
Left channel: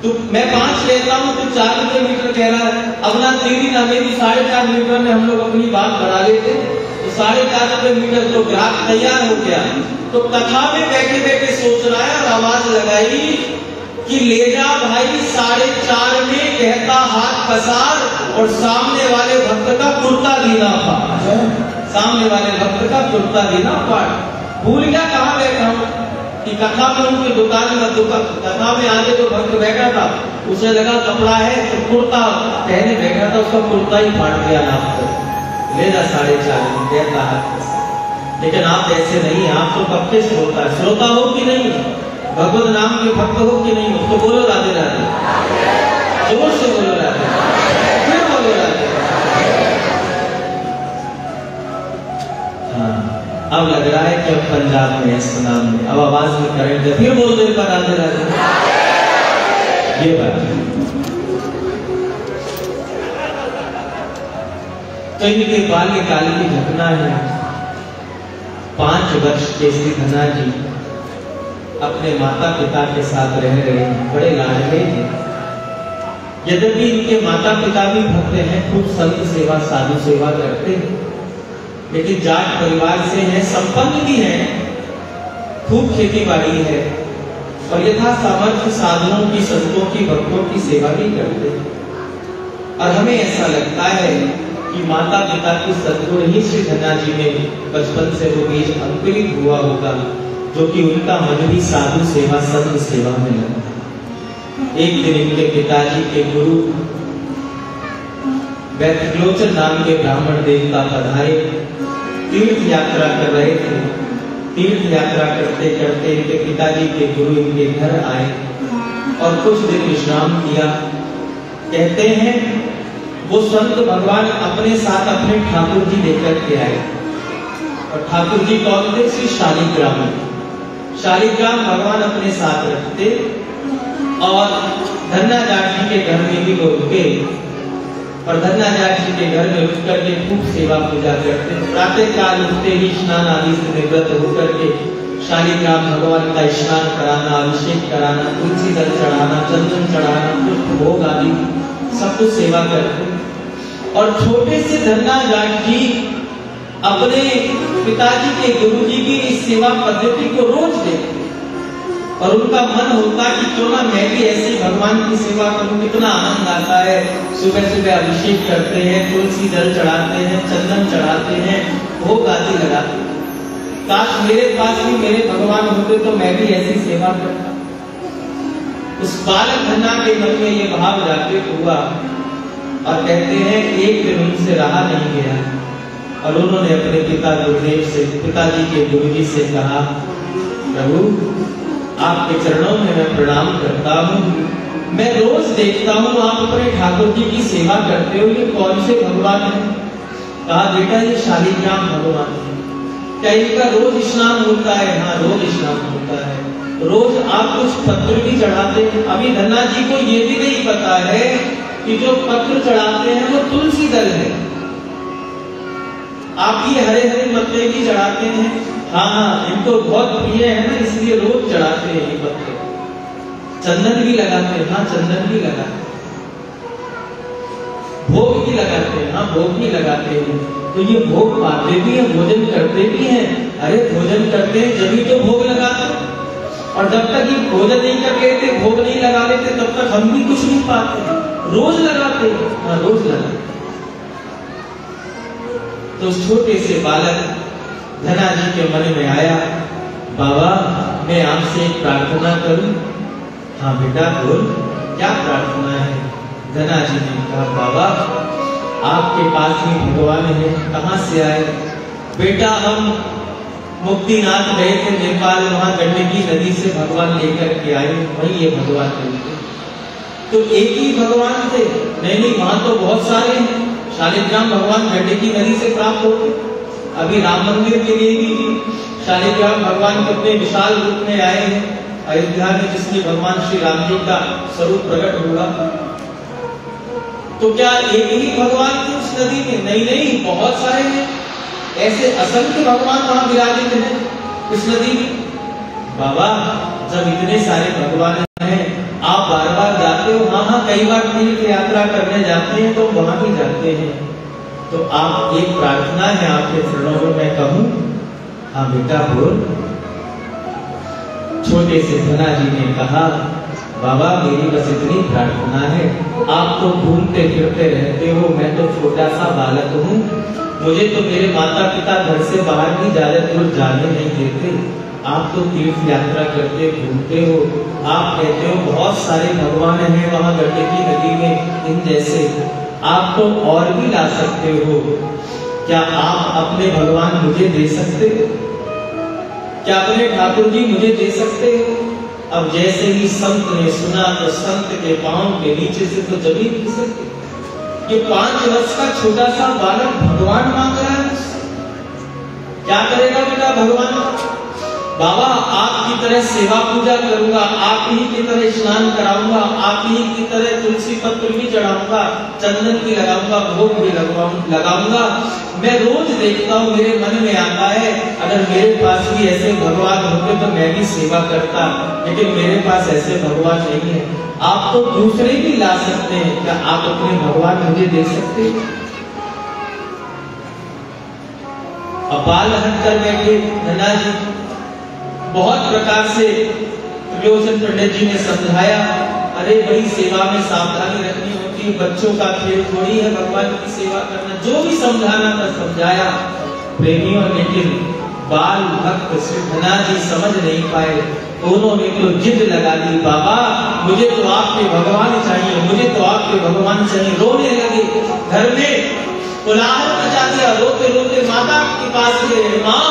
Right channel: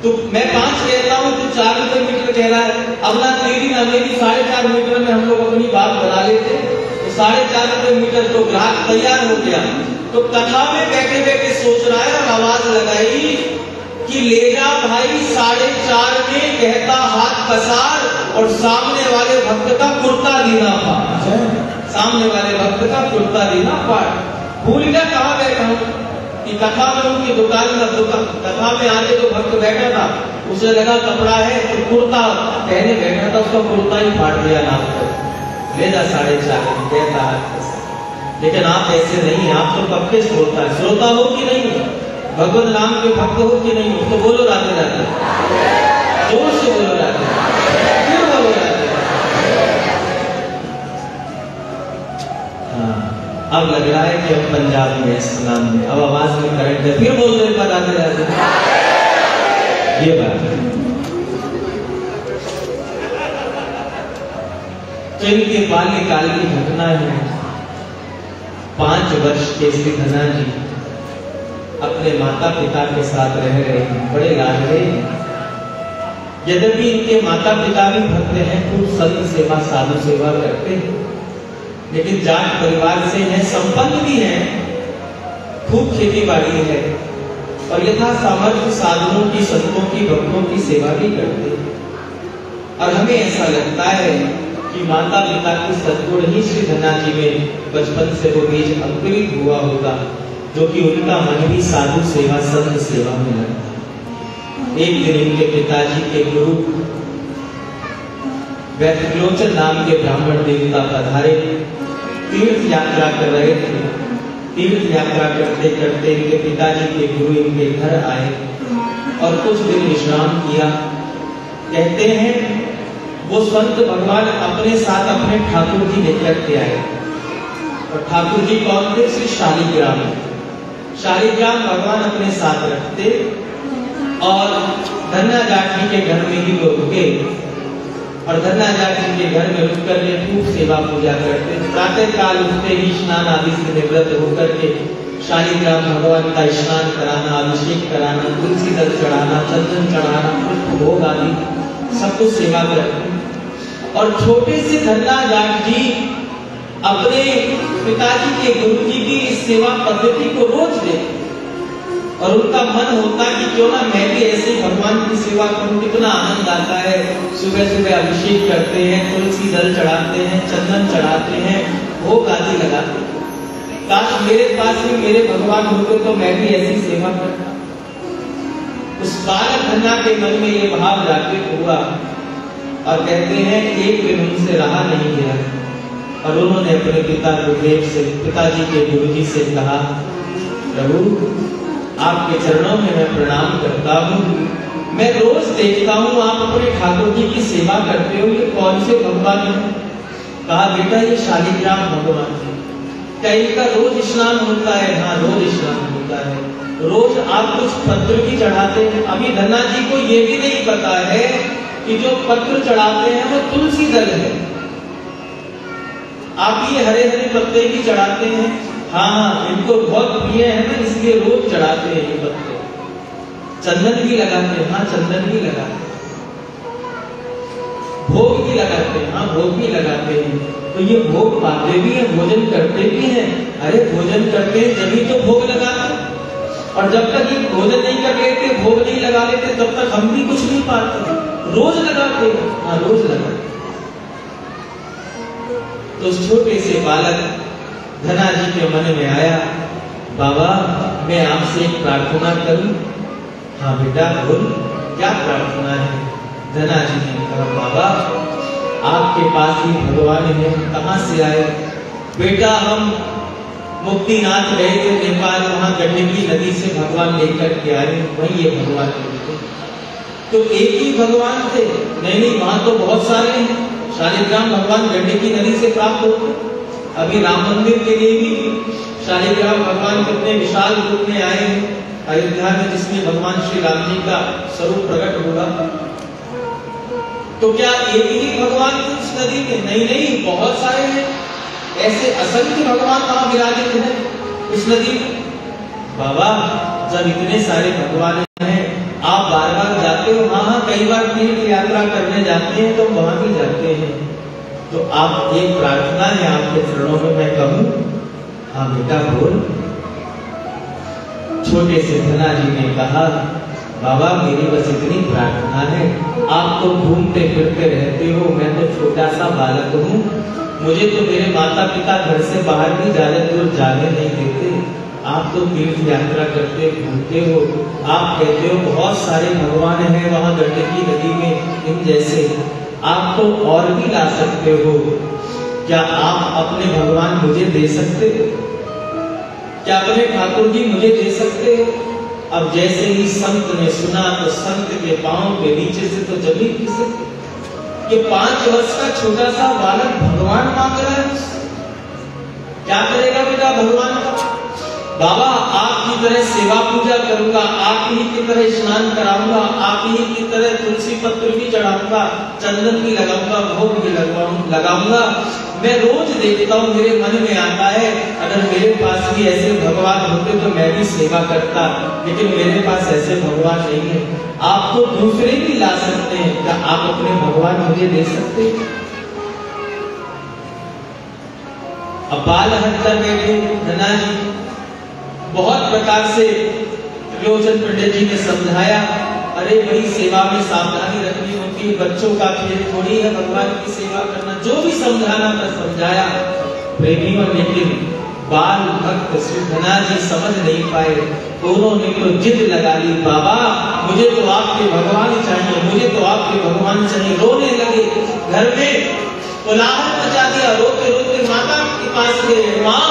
तो मैं 5 कहता हूँ, तो 4 रुपए मीटर कह रहा है। अब ना तेरी ना मेरी 4.5 मीटर में हम लोग अपनी बात बढ़ा लेते, तो 4.5 रुपए मीटर को ग्राहक तैयार हो गया। तो कथा में बैठे बैठे सोच रहा है और आवाज लगाई कि ले जा भाई 4.5 में, कहता हाथ पसार, और सामने वाले भक्त का कुर्ता दीना फाड़, सामने वाले भक्त का कुर्ता दीना फाड़। भूल गया कहाँ बैठा हूँ कि कथा में उनकी दुकान में, कथा में आगे जो भक्त बैठा था उसे लगा कपड़ा है, तो कुर्ता पहने बैठा था, उसका कुर्ता ही फाड़ दिया नाम को, ले जा 4.5 में, कहता हाथ पसार। लेकिन आप ऐसे नहीं, आप तो पक्के श्रोता है। श्रोता हो कि नहीं, भगवान नाम के भक्त हो कि नहीं, तो बोलो राधे राधे, जोर से बोलो राधे, फिर बोलो राधे। हाँ, अब लग रहा है कि अब पंजाब में इस्लाम में अब आवाज में करंट है, फिर बोल दो एक राधे राधे। ये बात है। तो इनके बाल्यकाल की घटना है। 5 वर्ष के श्री धन्ना जी अपने माता पिता के साथ रह रहे हैं, बड़े लाडले हैं। यद्यपि इनके माता पिता भी भक्त हैं, खूब संत सेवा साधु सेवा करते हैं, लेकिन जाट परिवार से हैं, संपन्न भी हैं, खूब खेती बाड़ी है और यथा सामर्थ्य साधुओं की, संतों की, भक्तों की सेवा भी करते हैं। और हमें ऐसा लगता है कि माता पिता की सद्गुण ही श्री धन्ना जी में बचपन से वो बीज अंकुरित हुआ होगा, जो कि उनका मन भी साधु सेवा संत सेवा में लगा। एक दिन इनके पिताजी के गुरु वैद्यलोचन नाम के ब्राह्मण देवता पधारे, तीर्थ यात्रा कर रहे थे। तीर्थ यात्रा करते करते इनके पिताजी के गुरु इनके घर आए और कुछ दिन विश्राम किया। कहते हैं वो संत भगवान अपने साथ अपने ठाकुर जी लेकर के आए, और ठाकुर जी कौन थे? श्री शालिग्राम। शालिग्राम भगवान अपने साथ रखते और धन्ना जाट जी के घर में भी वो रुके और धन्ना जाट जी के घर में रुक करके खूब सेवा पूजा करते। प्रातः काल उठते ही स्नान आदि से निवृत्त होकर के शालिग्राम भगवान का स्नान कराना, अभिषेक कराना, तुलसी दल चढ़ाना, चंदन चढ़ाना, भोग आदि सब कुछ सेवा करते। और छोटे से धन्ना जाट जी अपने पिताजी के गुरु जी की इस सेवा पद्धति को रोज देखते और उनका मन होता कि क्यों ना मैं भी ऐसे भगवान की सेवा करूं। कितना आनंद आता है। सुबह सुबह अभिषेक करते हैं, तुलसी दल चढ़ाते हैं, चंदन चढ़ाते हैं, भोग आदि लगाते हैं। काश मेरे पास भी मेरे भगवान होते तो मैं भी ऐसी सेवा करता। उस बालक धन्ना के मन में ये भाव जागृत हुआ और कहते हैं एक दिन उनसे रहा नहीं गया और उन्होंने अपने पिता गुरुदेव से, पिताजी के गुरुजी से कहा, प्रभु आपके चरणों में मैं प्रणाम करता हूँ। मैं रोज देखता हूँ आप अपने ठाकुर जी की सेवा करते हो, ये कौन से भगवान हैं? कहा बेटा ये शालिग्राम भगवान है। क्या इनका रोज स्नान होता है? हाँ रोज स्नान होता है। रोज आप कुछ पत्र भी चढ़ाते हैं? अभी धन्ना जी को ये भी नहीं पता है कि जो पत्र चढ़ाते हैं वो तुलसी दल है। आप ये हरे हरे पत्ते भी चढ़ाते हैं? हाँ, इनको बहुत प्रिय है ना, इसलिए रोज चढ़ाते हैं ये पत्ते। चंदन भी लगाते हैं? हाँ, चंदन भी लगाते हैं। भोग भी लगाते हैं? हाँ, भोग भी लगाते हैं। तो ये भोग पाते भी हैं, भोजन करते भी हैं। अरे भोजन करते हैं जब ही तो भोग लगाते, और जब तक ये भोजन नहीं कर लेते, भोग नहीं लगा लेते, तब तक हम भी कुछ नहीं पाते। रोज लगाते हैं? हाँ, रोज लगाते। तो छोटे से बालक धना जी के मन में आया, बाबा मैं आपसे एक प्रार्थना करूं? हाँ बेटा बोल, क्या प्रार्थना है? धना जी ने कहा, बाबा आपके पास ही भगवान है, कहाँ से आए? बेटा हम मुक्तिनाथ गए थे नेपाल, वहां गंडकी नदी से भगवान लेकर के आए, वही ये भगवान थे। तो एक ही भगवान थे? नहीं, वहां तो बहुत सारे हैं। शालिग्राम भगवान गंडकी नदी से प्राप्त होते। अभी राम मंदिर के लिए भी शालिग्राम भगवान कितने विशाल रूप में आए हैं अयोध्या में, जिसमें भगवान श्री राम जी का स्वरूप प्रकट हुआ। तो क्या एक ही भगवान थे उस नदी में? नहीं, बहुत सारे हैं। ऐसे असंख्य भगवान वहां विराजित हैं उस नदी में। बाबा जब इतने सारे भगवान हैं, आप बार बार जाते हो वहां, कई बार तीर्थ यात्रा करने जाते हैं तो वहां भी जाते हैं, तो आप एक प्रार्थना है आपके चरणों में मैं कहूं? हाँ बेटा बोल। छोटे से धना जी ने कहा, बाबा मेरी बस इतनी प्रार्थना है, आप तो घूमते फिरते रहते हो, मैं तो छोटा सा बालक हूँ, मुझे तो मेरे माता पिता घर से बाहर भी ज्यादा दूर जाने नहीं देते। आप तो तीर्थ यात्रा करते घूमते हो, आप कहते हो बहुत सारे भगवान हैं वहां गंडकी नदी में इन जैसे, आप तो और भी ला सकते हो, क्या आप अपने भगवान मुझे दे सकते? क्या अपने ठाकुर जी मुझे दे सकते? अब जैसे ही संत ने सुना तो संत के पांव के नीचे से तो जमीन खिसक गई। ये 5 वर्ष का छोटा सा बालक भगवान मांग रहा है उससे। क्या करेगा बेटा भगवान? बाबा आपकी तरह सेवा पूजा करूंगा, आप ही की तरह स्नान कराऊंगा, आप ही की तरह तुलसी पत्र भी चढ़ाऊंगा, चंदन भी लगाऊंगा, भोग भी लगाऊंगा। मैं रोज देखता हूँ, मेरे मन में आता है अगर मेरे पास भी ऐसे भगवान होते तो मैं भी सेवा करता, लेकिन मेरे पास ऐसे भगवान नहीं है। आप तो दूसरे भी ला सकते हैं, क्या आप अपने भगवान मुझे दे सकते? अपाल हट कर बैठे धना जी। बहुत प्रकार से विलोचन पंडित जी ने समझाया, अरे भाई सेवा में सावधानी रखनी होती है, बच्चों का खेल थोड़ी है भगवान की सेवा करना, जो भी समझाना था समझाया प्रेमियों, लेकिन बाल भक्त श्री धना जी समझ नहीं पाए। दोनों में तो जिद लगा ली, बाबा मुझे तो आपके भगवान चाहिए, मुझे तो आपके भगवान चाहिए। रोने लगे, घर में कोलाहल मचा दिया, रोते रोते माता के पास गए, माँ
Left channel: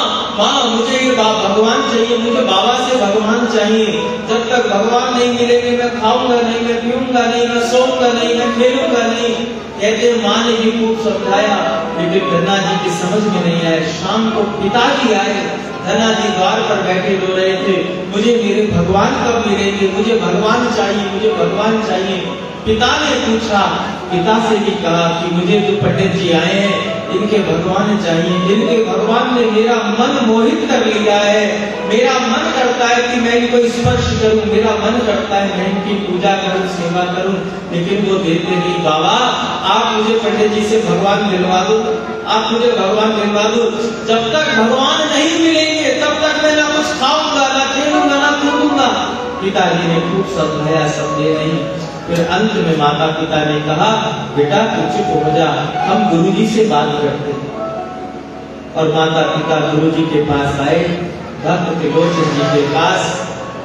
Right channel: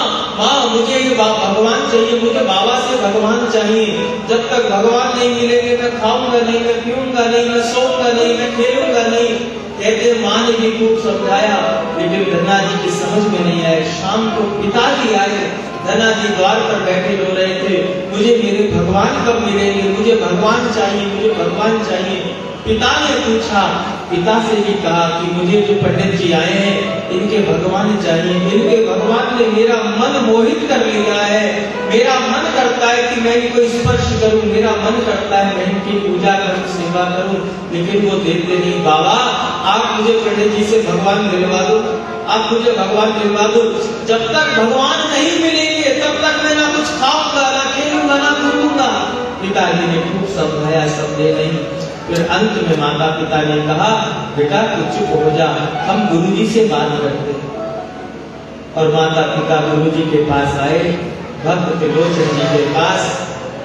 मुझे ये भगवान चाहिए, मुझे बाबा से भगवान चाहिए। जब तक भगवान नहीं मिलेंगे मैं खाऊंगा नहीं, मैं पीऊंगा नहीं, मैं सोऊंगा नहीं, मैं खेलूंगा नहीं। कहते माँ ने भी खूब समझाया, लेकिन धना जी की समझ में नहीं आया। शाम को पिताजी आए, धना जी द्वार पर बैठे रो रहे थे, मुझे मेरे भगवान कब मिलेंगे, मुझे भगवान चाहिए, मुझे भगवान चाहिए। पिता ने पूछा, पिता से भी कहा कि मुझे जो पंडित जी आए हैं इनके भगवान चाहिए, इनके भगवान ने मेरा मन मोहित कर लिया है, मेरा मन करता है कि मैं इनको स्पर्श करूं, मेरा मन करता है मैं इनकी पूजा करूं, सेवा करूं, लेकिन वो देते नहीं। बाबा आप मुझे पंडित जी से भगवान दिलवा दो, आप मुझे भगवान दिलवा दो। जब तक भगवान नहीं मिलेंगे तब तक मैं ना कुछ खाऊंगा, ना खेलूंगा, ना कूदूंगा। पिताजी ने खूब समझाया, समझे नहीं। फिर अंत में माता पिता ने कहा, बेटा तू चुप हो जा, हम गुरुजी से बात करते हैं। और माता पिता गुरुजी के पास आए, भक्त त्रिलोचन जी के पास,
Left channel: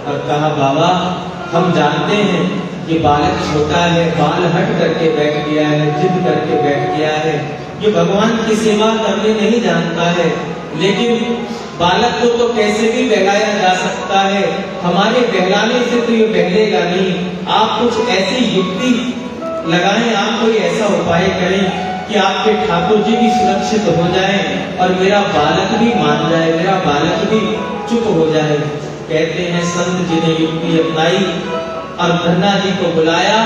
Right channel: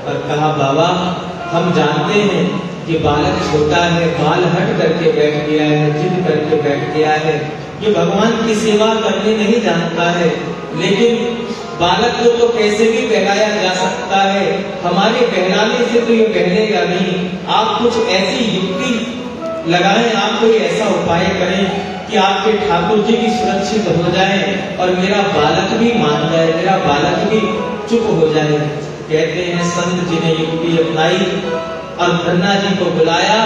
और कहा, बाबा हम जानते हैं कि बालक छोटा है, बाल हट करके बैठ गया है, जिद करके बैठ गया है, ये भगवान की सेवा करने नहीं जानता है, लेकिन बालक को तो कैसे भी बहलाया जा सकता है, हमारे बहलाने से तो ये बहलेगा नहीं। आप कुछ ऐसी युक्ति लगाएं, आप कोई ऐसा उपाय करें कि आपके ठाकुर जी भी सुरक्षित हो जाएं और मेरा बालक भी मान जाए, मेरा बालक भी चुप हो जाए। कहते हैं संत जी ने युक्ति अपनाई, और धन्ना जी को बुलाया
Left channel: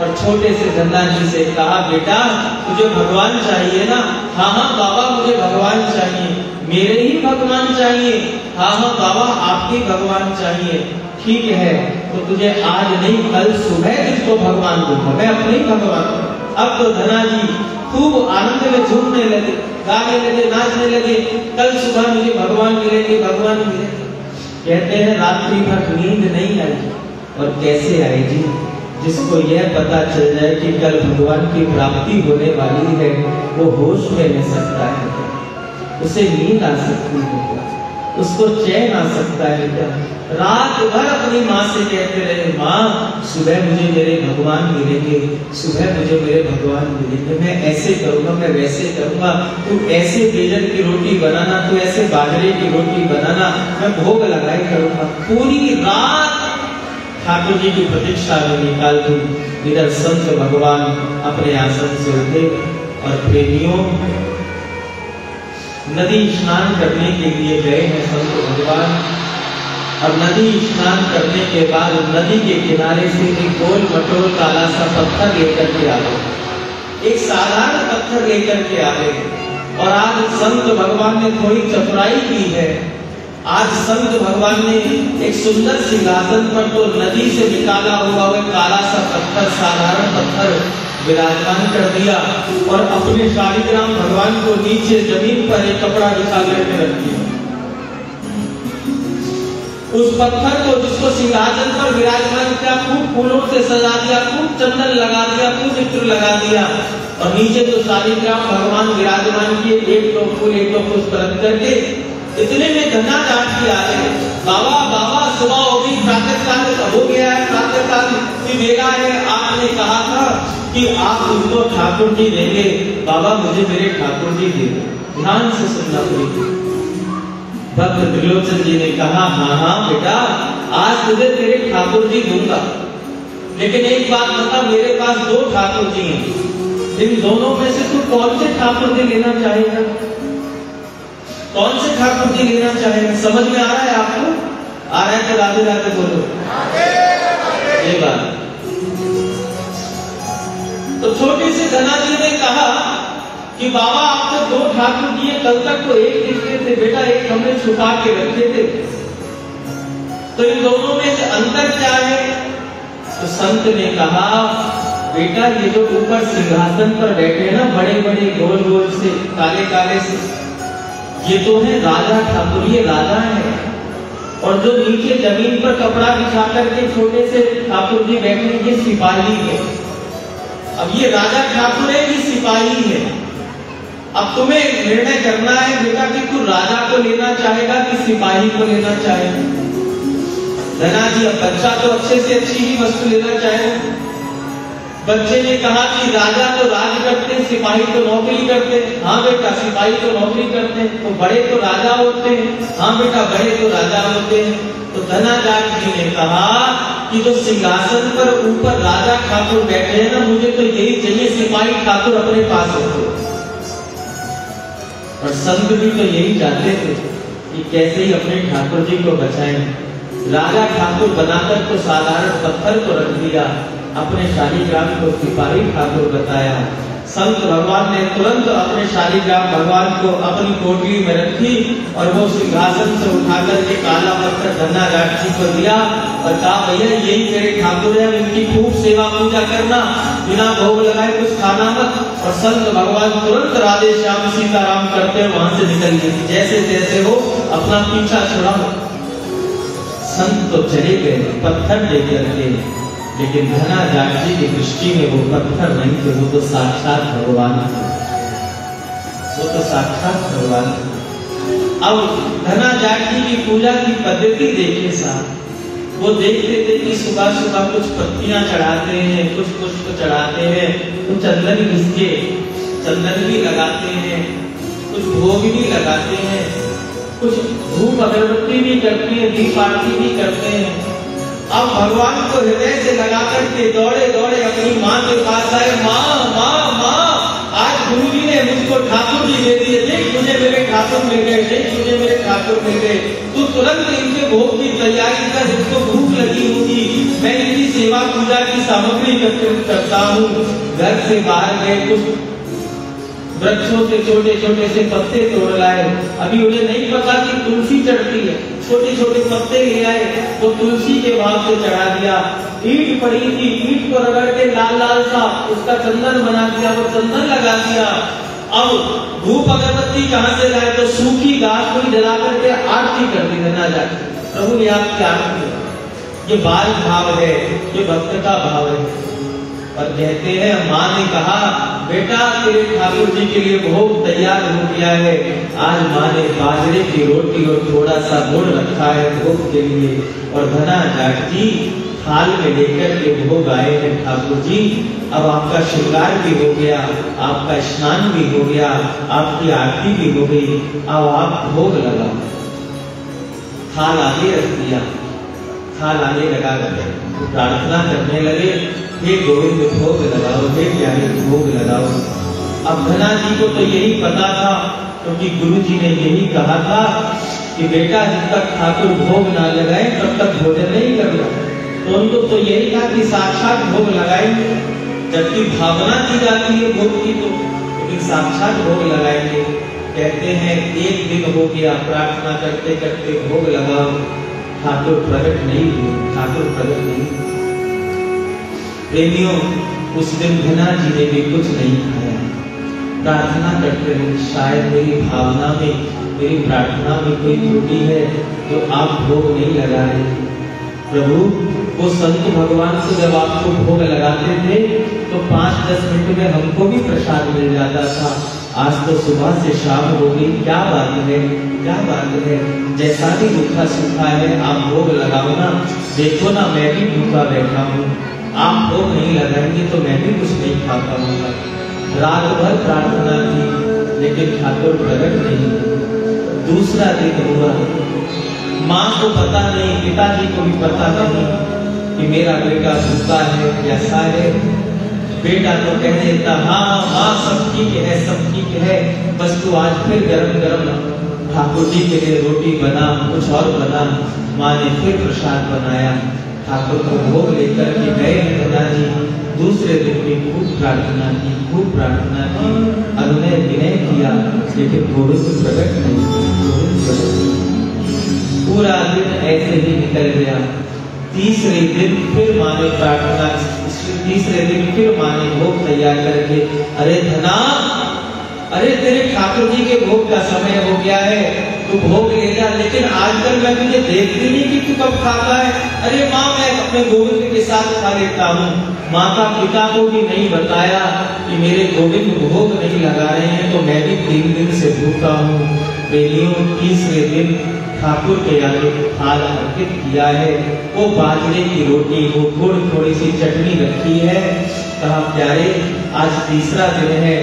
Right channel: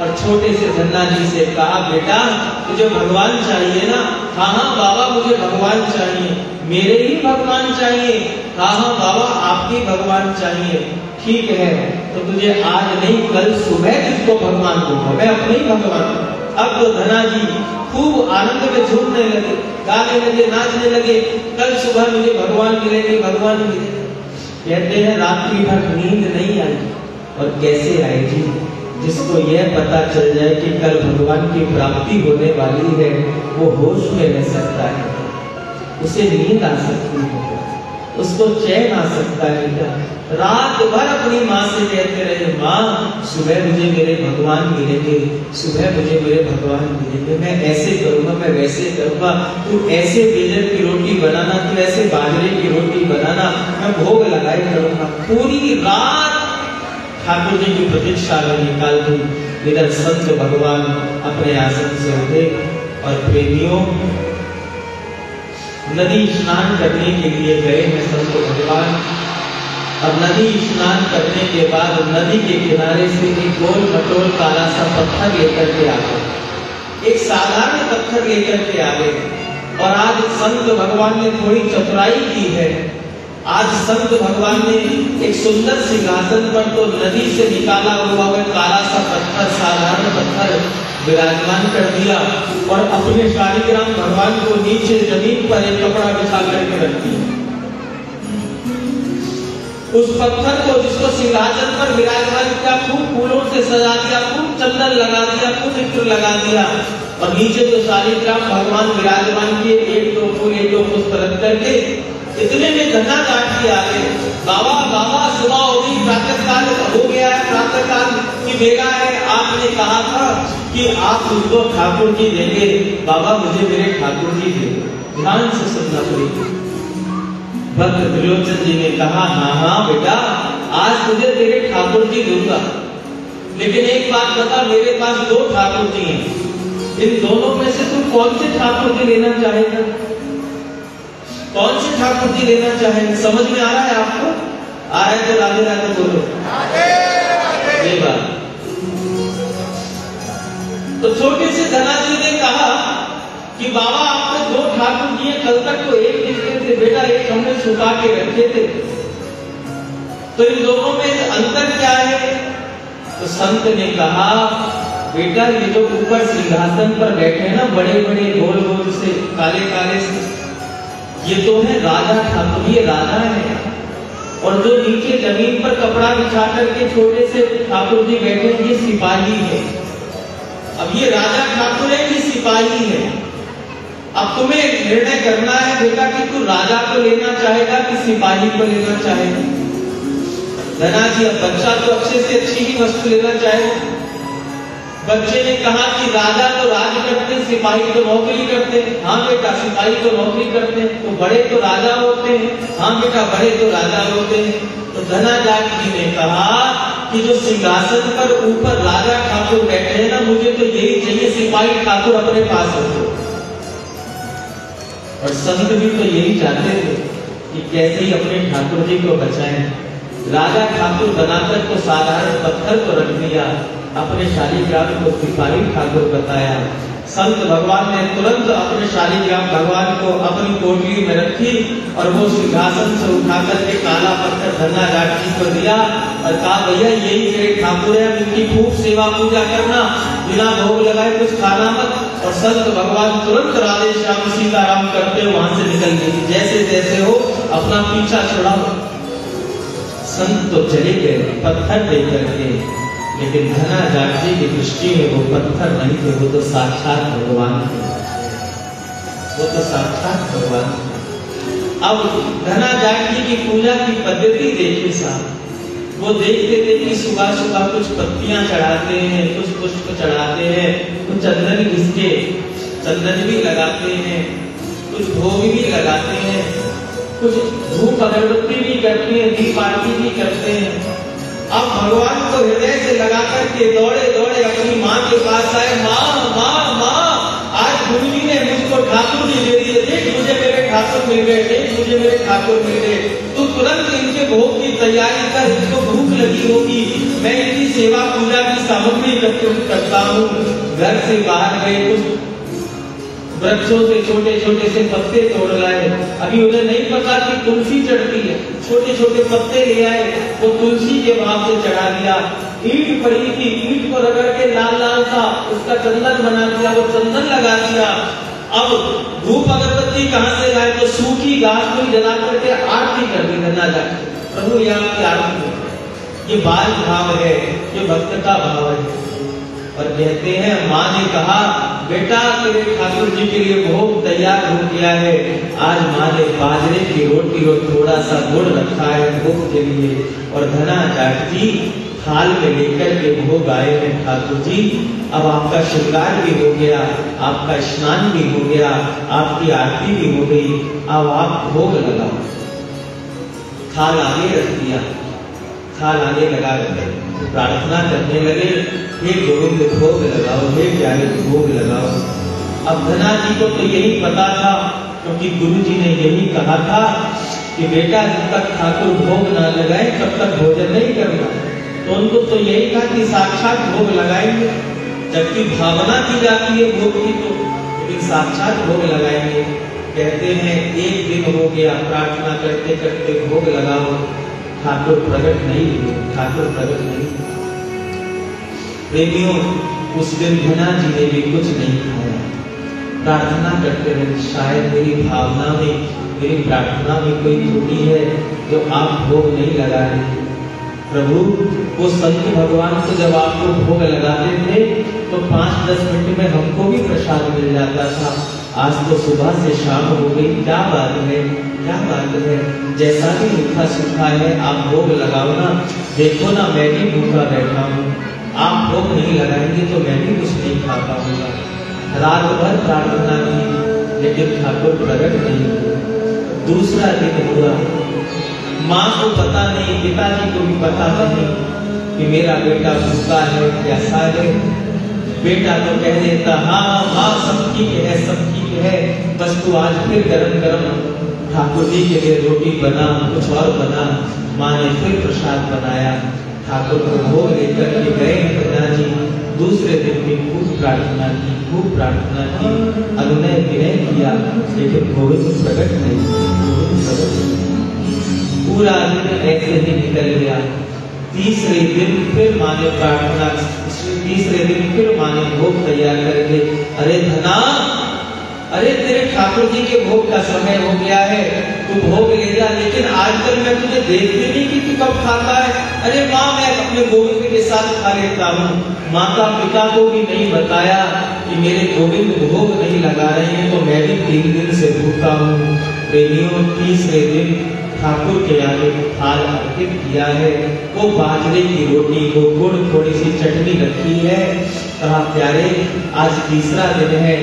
और छोटे से धन्ना जी से कहा, बेटा तुझे भगवान चाहिए ना? हाँ हाँ बाबा मुझे भगवान चाहिए। मेरे ही भगवान चाहिए? हाँ हाँ बाबा आपके भगवान चाहिए। ठीक है, तो तुझे आज नहीं कल सुबह तुझको भगवान दूंगा, मैं अपने ही भगवान। अब तो धन्ना जी खूब आनंद में झूमने लगे, गाने लगे, नाचने लगे। कल सुबह मुझे भगवान मिलेंगे, भगवान मिलेंगे। कहते हैं रात्रि भर नींद नहीं आई। और कैसे आई जी? जिसको यह पता चल जाए कि कल भगवान की प्राप्ति होने वाली है, वो होश में रह सकता है, उसे नींद आ सकती है, उसको चैन आ सकता है। क्या रात भर अपनी माँ से कहते रहे, माँ सुबह मुझे मेरे भगवान मिलेंगे, सुबह मुझे मेरे भगवान मिलेंगे, मैं ऐसे करूंगा, मैं वैसे करूंगा, तू ऐसे बेलन की रोटी बनाना, तू ऐसे बाजरे की रोटी बनाना, मैं भोग लगाई करूंगा। पूरी रात ठाकुर जी की प्रतीक्षा में निकाल दी। इधर संत भगवान अपने आसन से उठे और प्रेमियों नदी स्नान करने के लिए गए हैं संत भगवान। अब नदी स्नान करने के बाद नदी के किनारे से एक गोल मटोल काला सा पत्थर लेकर के आ गए, एक साधारण पत्थर लेकर के आ गए। और आज संत भगवान ने थोड़ी चतुराई की है। आज संत भगवान ने एक सुंदर सिंहासन पर तो नदी से निकाला हुआ है काला सा पत्थर, साधारण पत्थर विराजमान कर दिया और अपने शालिग्राम भगवान को नीचे जमीन पर एक कपड़ा बिछा करके रख दिया। उस पत्थर को जिसको सिंहासन पर विराजमान किया, खूब फूलों से सजा दिया, खूब चंदन लगा दिया, खूब इत्र लगा दिया और नीचे जो शालिग्राम भगवान विराजमान किए, एक दो फूल एक दो पुष्प रख करके इतने में धन्ना काट के आ गए। बाबा बाबा सुबह होगी, प्रातः काल हो गया है, प्रातः काल की बेला है, आपने कहा था कि आप उनको ठाकुर जी देंगे। बाबा मुझे मेरे ठाकुर जी दे। ध्यान से सुनना पड़ेगा। भक्त त्रिलोचन जी ने कहा, हाँ हाँ बेटा आज तुझे तेरे ठाकुर जी दूंगा, लेकिन एक बात बता, मेरे पास दो ठाकुर जी हैं, इन दोनों में से तू कौन से ठाकुर जी लेना चाहेगा? कौन से ठाकुर जी लेना चाहेगा? समझ में आ रहा है आपको? आ रहा है तो राधे राधे बोलो। ये बात तो छोटी सी धन्ना जी ने कहा कि बाबा आपने दो ठाकुर जी, कल तक तो एक दिखते थे बेटा, एक हमने छुपा के रखे थे, तो इन दोनों में अंतर क्या है? तो संत ने कहा, बेटा ये जो ऊपर सिंहासन पर बैठे ना बड़े बड़े गोल गोल से काले काले से, ये तो है राजा ठाकुर, ये राजा है। और जो नीचे जमीन पर कपड़ा बिछा करके छोटे से ठाकुर जी बैठे, ये सिपाही है। अब ये राजा ठाकुर है, ये सिपाही है। अब तुम्हें निर्णय करना है बेटा कि तू राजा को लेना चाहेगा कि सिपाही को लेना चाहेगा। धन्ना जी अब बच्चा तो अच्छे से अच्छी ही वस्तु लेना चाहेगा। बच्चे ने कहा कि राजा तो राज करते, सिपाही तो नौकरी करते। हाँ बेटा सिपाही तो नौकरी करते, तो बड़े तो राजा होते हैं। हाँ बेटा बड़े तो राजा होते हैं। तो धन्ना जी ने कहा कि जो सिंहासन पर ऊपर राजा ठाकुर बैठे हैं ना, मुझे तो यही चाहिए, सिपाही ठाकुर अपने पास होते। और संत भी तो यही चाहते थे कि कैसे ही अपने ठाकुर जी को बचाएं। राजा ठाकुर बनाकर तो साधारण पत्थर को रख दिया, अपने शालिग्राम को सिपाही ठाकुर बताया। संत भगवान ने तुरंत अपने शालिग्राम भगवान को अपनी कोठरी में रखी और वो सिंहासन से उठाकर के काला पत्थर धन्ना जी को दिया और कहा, भैया यही मेरे ठाकुर है, उनकी खूब सेवा पूजा करना, बिना भोग लगाए कुछ खाना मत। और संत भगवान तुरंत राधे श्याम सीताराम करते हुए वहां से निकल गए, जैसे तैसे हो अपना पीछा छुड़ाओ। संत तो चले गए पत्थर लेकर के, लेकिन धन्ना जी की दृष्टि में वो पत्थर नहीं थे, वो तो साक्षात भगवान थे, वो तो साक्षात भगवान थे। अब धन्ना जी की पूजा की पद्धति देखिए साहब, वो देखते थे कि सुबह सुबह कुछ पत्तियां चढ़ाते हैं, कुछ पुष्प चढ़ाते हैं, कुछ चंदन घिसके चंदन भी लगाते हैं, कुछ भोग भी लगाते हैं, कुछ धूप अगरबत्ती भी करती है, दीप आरती भी करते हैं। अब भगवान को हृदय से लगा करके दौड़े दौड़े अपनी माँ के पास आए, माँ माँ माँ आज गुरु जी ने मुझको ठाकुर जी दे दिए, देख मुझे मेरे ठाकुर मिल गए, देख मुझे मेरे ठाकुर मिल गए। तू तुरंत इनके भोग की तैयारी कर, इसको भूख लगी होगी, मैं इनकी सेवा भी अत्यंत करता हूँ। घर से बाहर गए, कुछ वृक्षों से छोटे छोटे से पत्ते तोड़ लाए। अभी उन्हें नहीं पता कि तुलसी चढ़ती है, छोटे छोटे पत्ते ले आए तो तुलसी के भाव से चढ़ा दिया। ईंट पड़ी थी, ईंट को रगड़ के लाल लाल सा उसका चंदन बना दिया, वो चंदन लगा दिया। अब धूप अगरबत्ती कहां से लाए तो सूखी घास को जला करके आरती कर दी। गंगा जाकर प्रभु ये आपकी आरती है, ये बाल भाव है, ये भक्त का भाव है। और कहते हैं माँ ने कहा बेटा तेरे ठाकुर जी के लिए भोग तैयार हो गया है। आज माँ ने बाजरे की रोटी और थोड़ा सा गुड़ रखा है भोग के लिए। और धना जाट जी थाल में लेकर के भोग आए हैं ठाकुर जी। अब आपका श्रृंगार भी हो गया, आपका स्नान भी हो गया, आपकी आरती भी हो गई। अब आप भोग लगा, थाल आगे रख दिया, थाल आगे लगा रहे, प्रार्थना करने लगे हे गोविंद भोग लगाओ, हे प्यारे भोग लगाओ। अब धना जी को तो यही पता था, क्योंकि गुरु जी ने यही कहा था कि बेटा जब तक ठाकुर भोग ना लगाए तब तक भोजन नहीं करना। तो उनको तो यही था कि साक्षात भोग लगाएंगे, जबकि भावना की जाती है भोग की, तो लेकिन साक्षात भोग लगाएंगे। कहते हैं एक दिन हो गया, प्रार्थना करते करते भोग लगाओ, ठाकुर प्रकट नहीं हुए, ठाकुर प्रकट नहीं। प्रेमियों उस दिन धना जी ने भी कुछ नहीं खाया। प्रार्थना करते हुए शायद मेरी भावना में, मेरी प्रार्थना में कोई त्रुटि है जो आप भोग नहीं लगा रहे। प्रभु वो संत भगवान को जब आपको भोग लगाते थे तो 5-10 मिनट में हमको भी प्रसाद मिल जाता था। आज तो सुबह से शाम हो गई, क्या बात है, क्या बात है। जैसा भी रूखा सूखा है आप भोग लगाओ ना, देखो ना मैं भी भूखा बैठा हूँ, आप भोग नहीं लगाएंगे तो मैं भी कुछ नहीं खा पाऊंगा। रात भर प्रार्थना की लेकिन ठाकुर प्रकट नहीं हुए। दूसरा दिन हुआ, माँ को पता नहीं, पिताजी को भी पता नहीं कि मेरा बेटा भूखा है, कैसा है। बेटा तो कह देता हाँ माँ सब ठीक है, सब ठीक है, बस तू आज फिर गरम गरम ठाकुर जी के लिए रोटी बना, कुछ और बना। माँ ने फिर प्रसाद बनाया, ठाकुर को भोग लेकर के गए धना जी। दूसरे दिन भी खूब प्रार्थना की, खूब प्रार्थना की, अनुनय विनय किया, लेकिन गोविंद प्रकट नहीं, गोविंद प्रकट नहीं। पूरा दिन ऐसे ही निकल गया। तीसरे दिन फिर माँ ने प्रार्थना, तीसरे दिन फिर माँ ने भोग तैयार करके, अरे धना, अरे तेरे ठाकुर जी के भोग का समय हो गया है, तू भोग ले जा, लेकिन आजकल मैं तुझे देख भी नहीं कि तू कब खाता है। अरे माँ मैं अपने गोविंद के साथ खा लेता हूँ। माता पिता को भी नहीं बताया कि मेरे गोविंद भोग नहीं लगा रहे हैं, तो मैं भी 3 दिन से भूखा हूँ। प्रेमियों तीसरे दिन ठाकुर के आगे थाल अर्पित किया है, वो बाजरे की रोटी, वो गुड़, थोड़ी सी चटनी रखी है। कहा प्यारे आज तीसरा दिन है,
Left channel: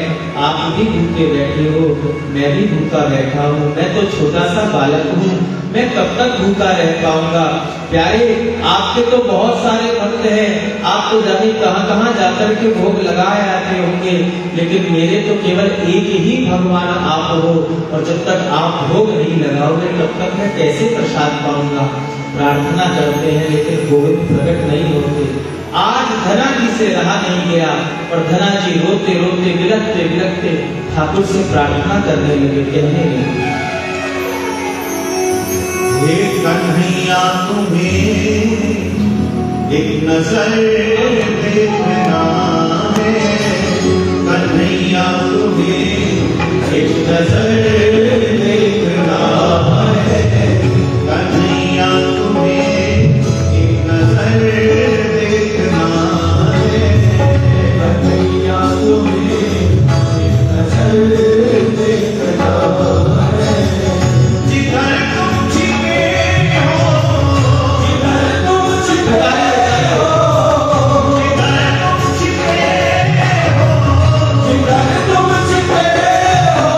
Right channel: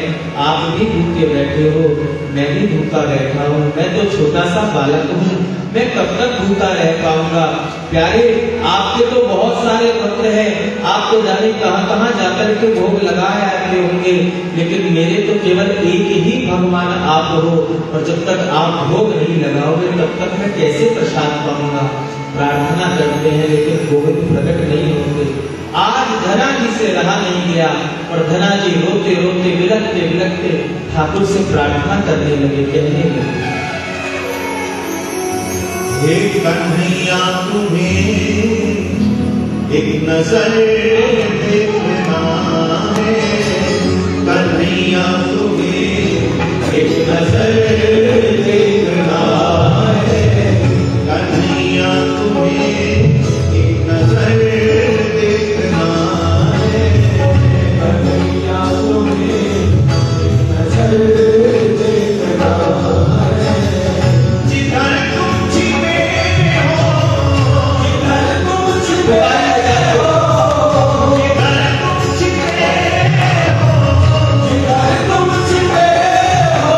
आप भी भूखे बैठे हो, मैं भी भूखा बैठा हूँ, मैं तो छोटा सा बालक हूँ, मैं कब तक भूखा रह पाऊंगा। प्यारे आपके तो बहुत सारे भक्त हैं, आप तो जाने कहां कहां जाकर के भोग लगाए आते होंगे, लेकिन मेरे तो केवल एक ही भगवान आप हो, और जब तक आप भोग नहीं लगाओगे तब तक मैं कैसे प्रसाद पाऊंगा। प्रार्थना करते हैं लेकिन गोविंद प्रकट नहीं होते। आज धना जी से रहा नहीं गया, और धना जी रोते रोते विलखते विलखते ठाकुर से प्रार्थना करने लगे, कहने लगे हे कन्हैया तुम्हें एक नजर देखना है, कन्हैया तुम्हें एक नजर देखना है, कन्हैया तुम्हें एक नजर देखना है, कन्हैया तुम्हें एक नजर देखना है। जिधर तुम छिपे हो, जिधर तुम छिपे हो, जिधर तुम छिपे हो, जिधर तुम छिपे हो,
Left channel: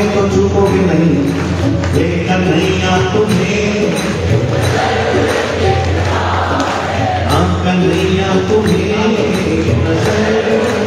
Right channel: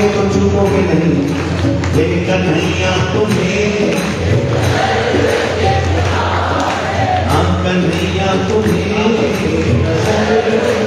पाओगे तो चूकोगे नहीं। ये कन्हैया तुम्हें, हाँ कन्हैया तुम्हें नजर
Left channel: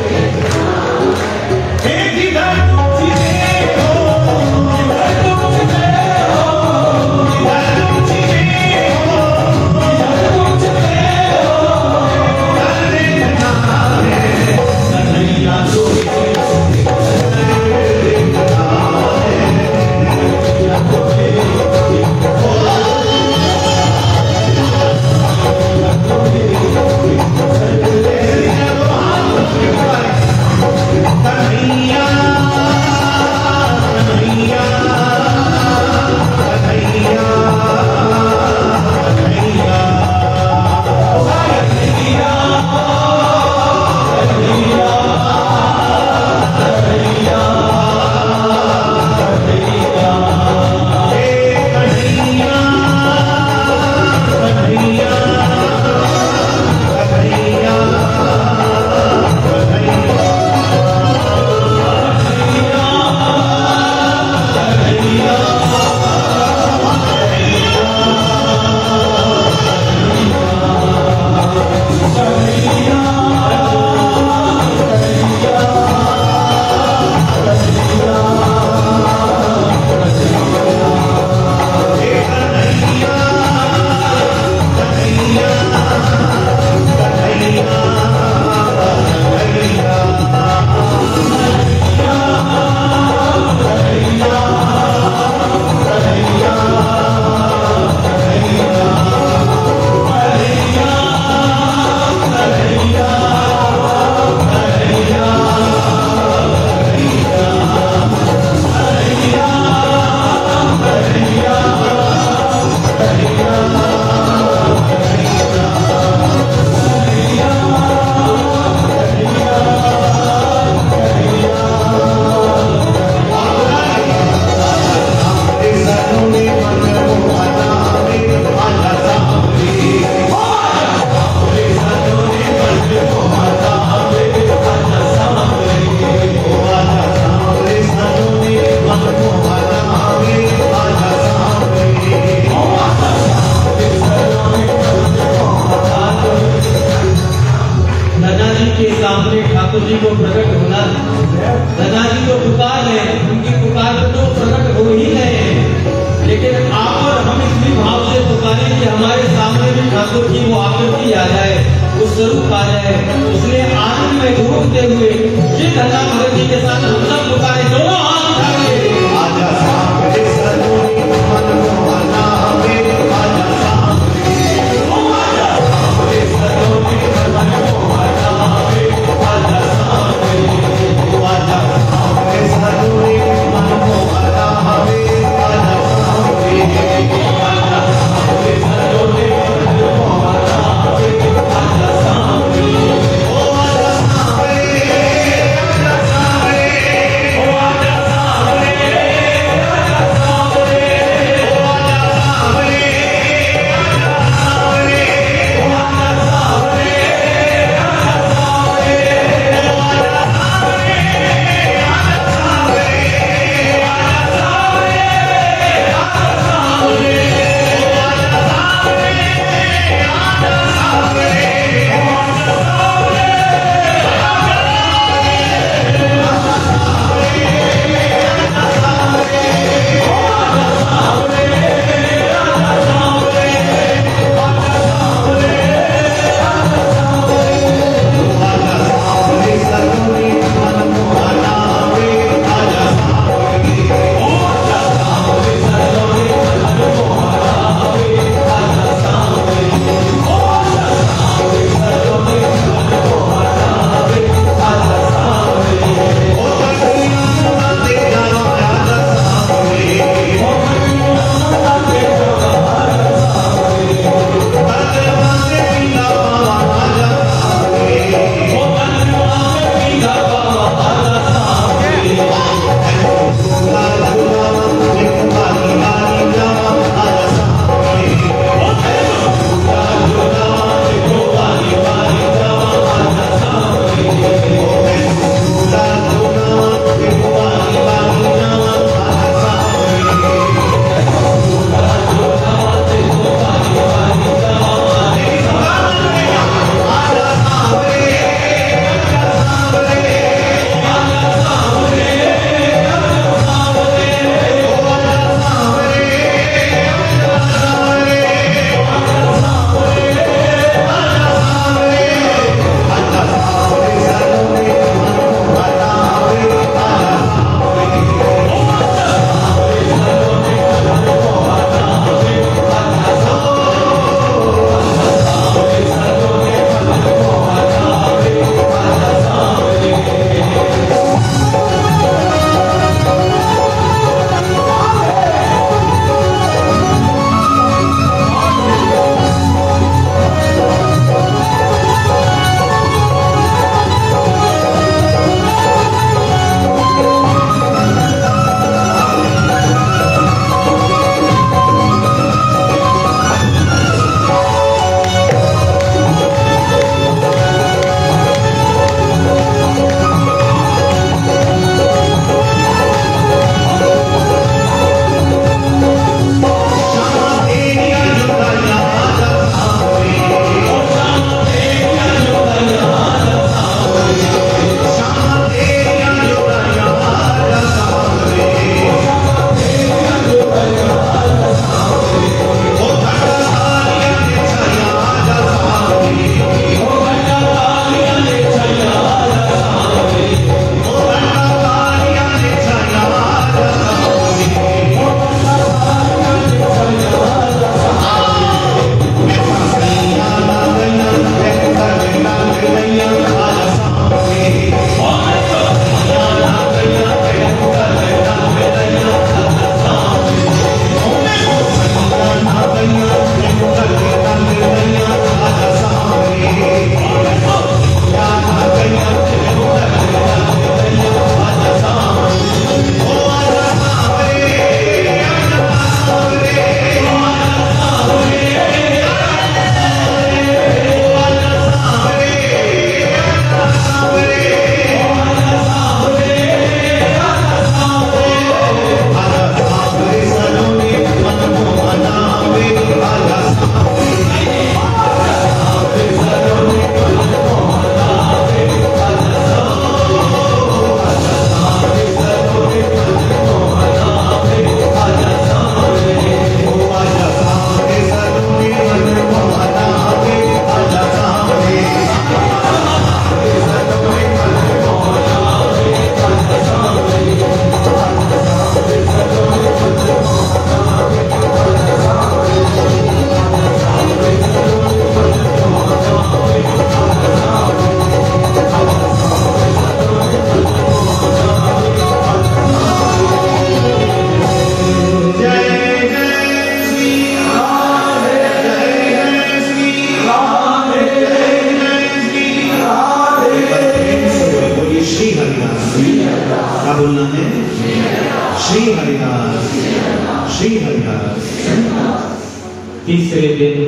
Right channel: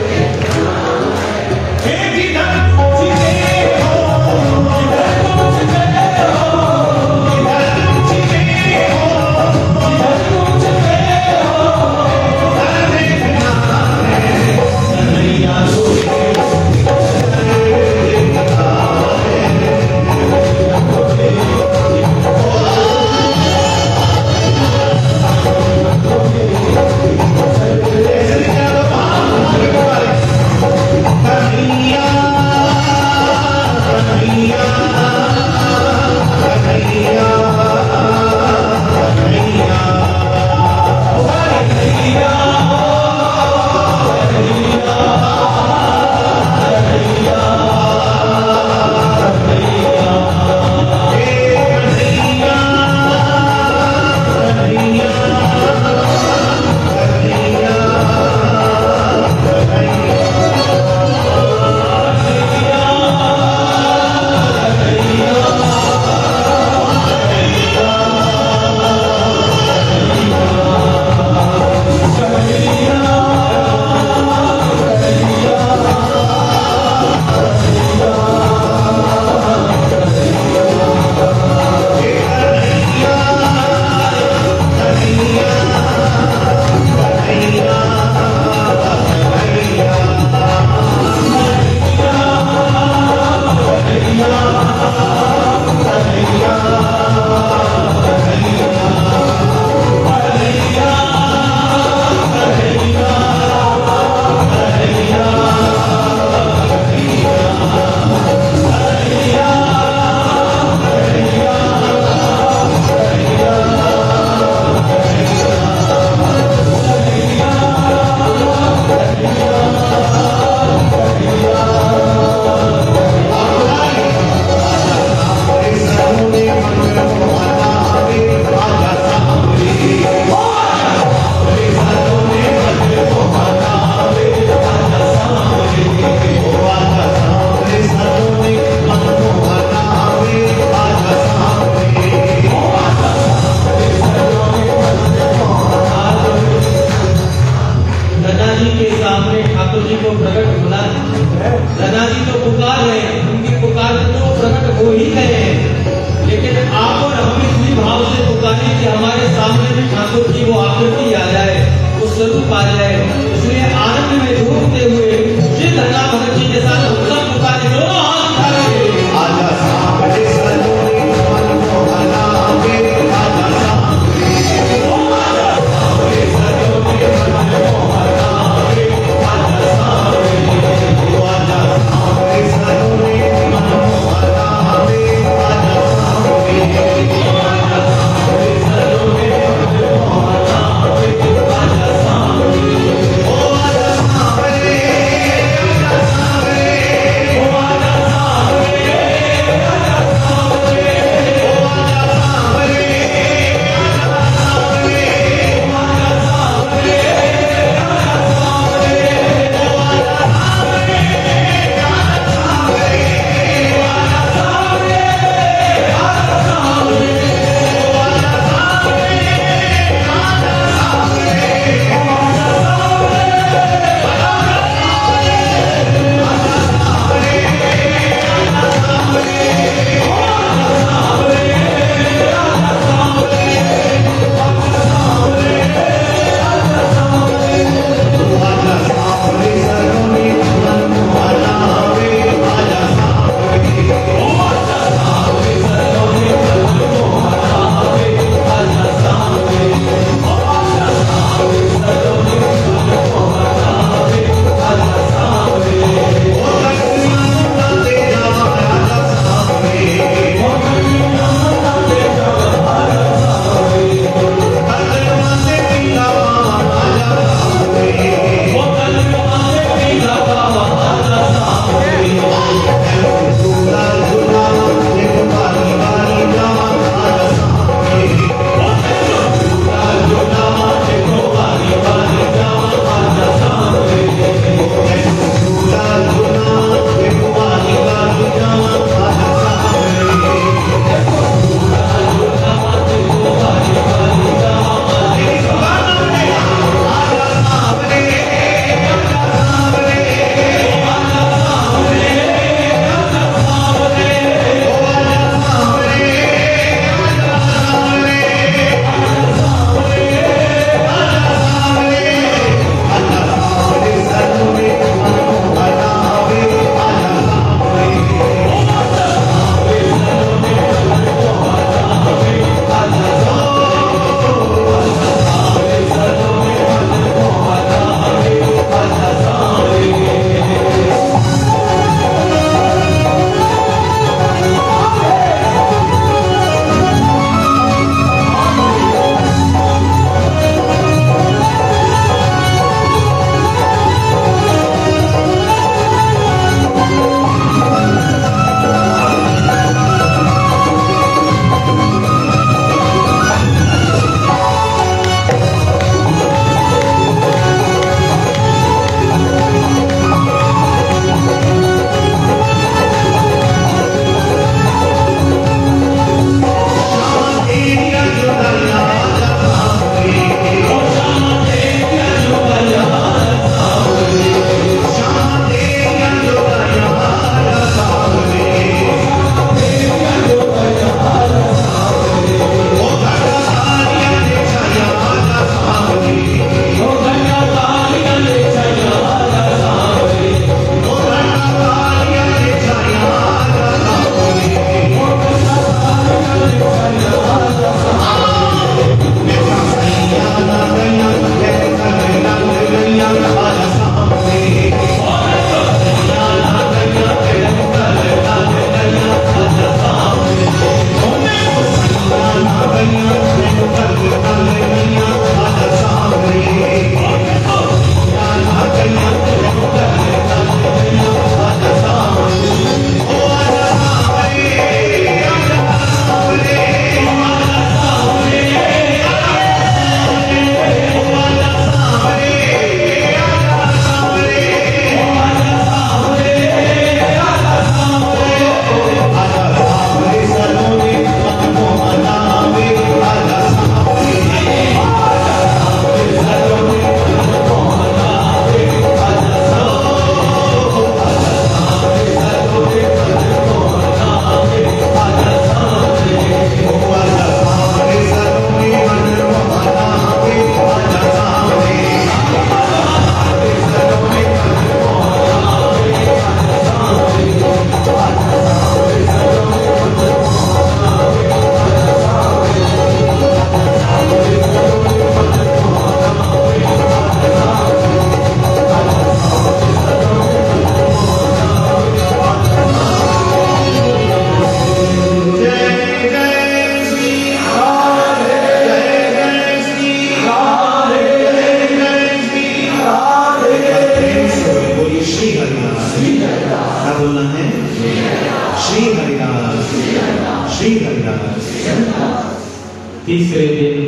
तीसरे दिन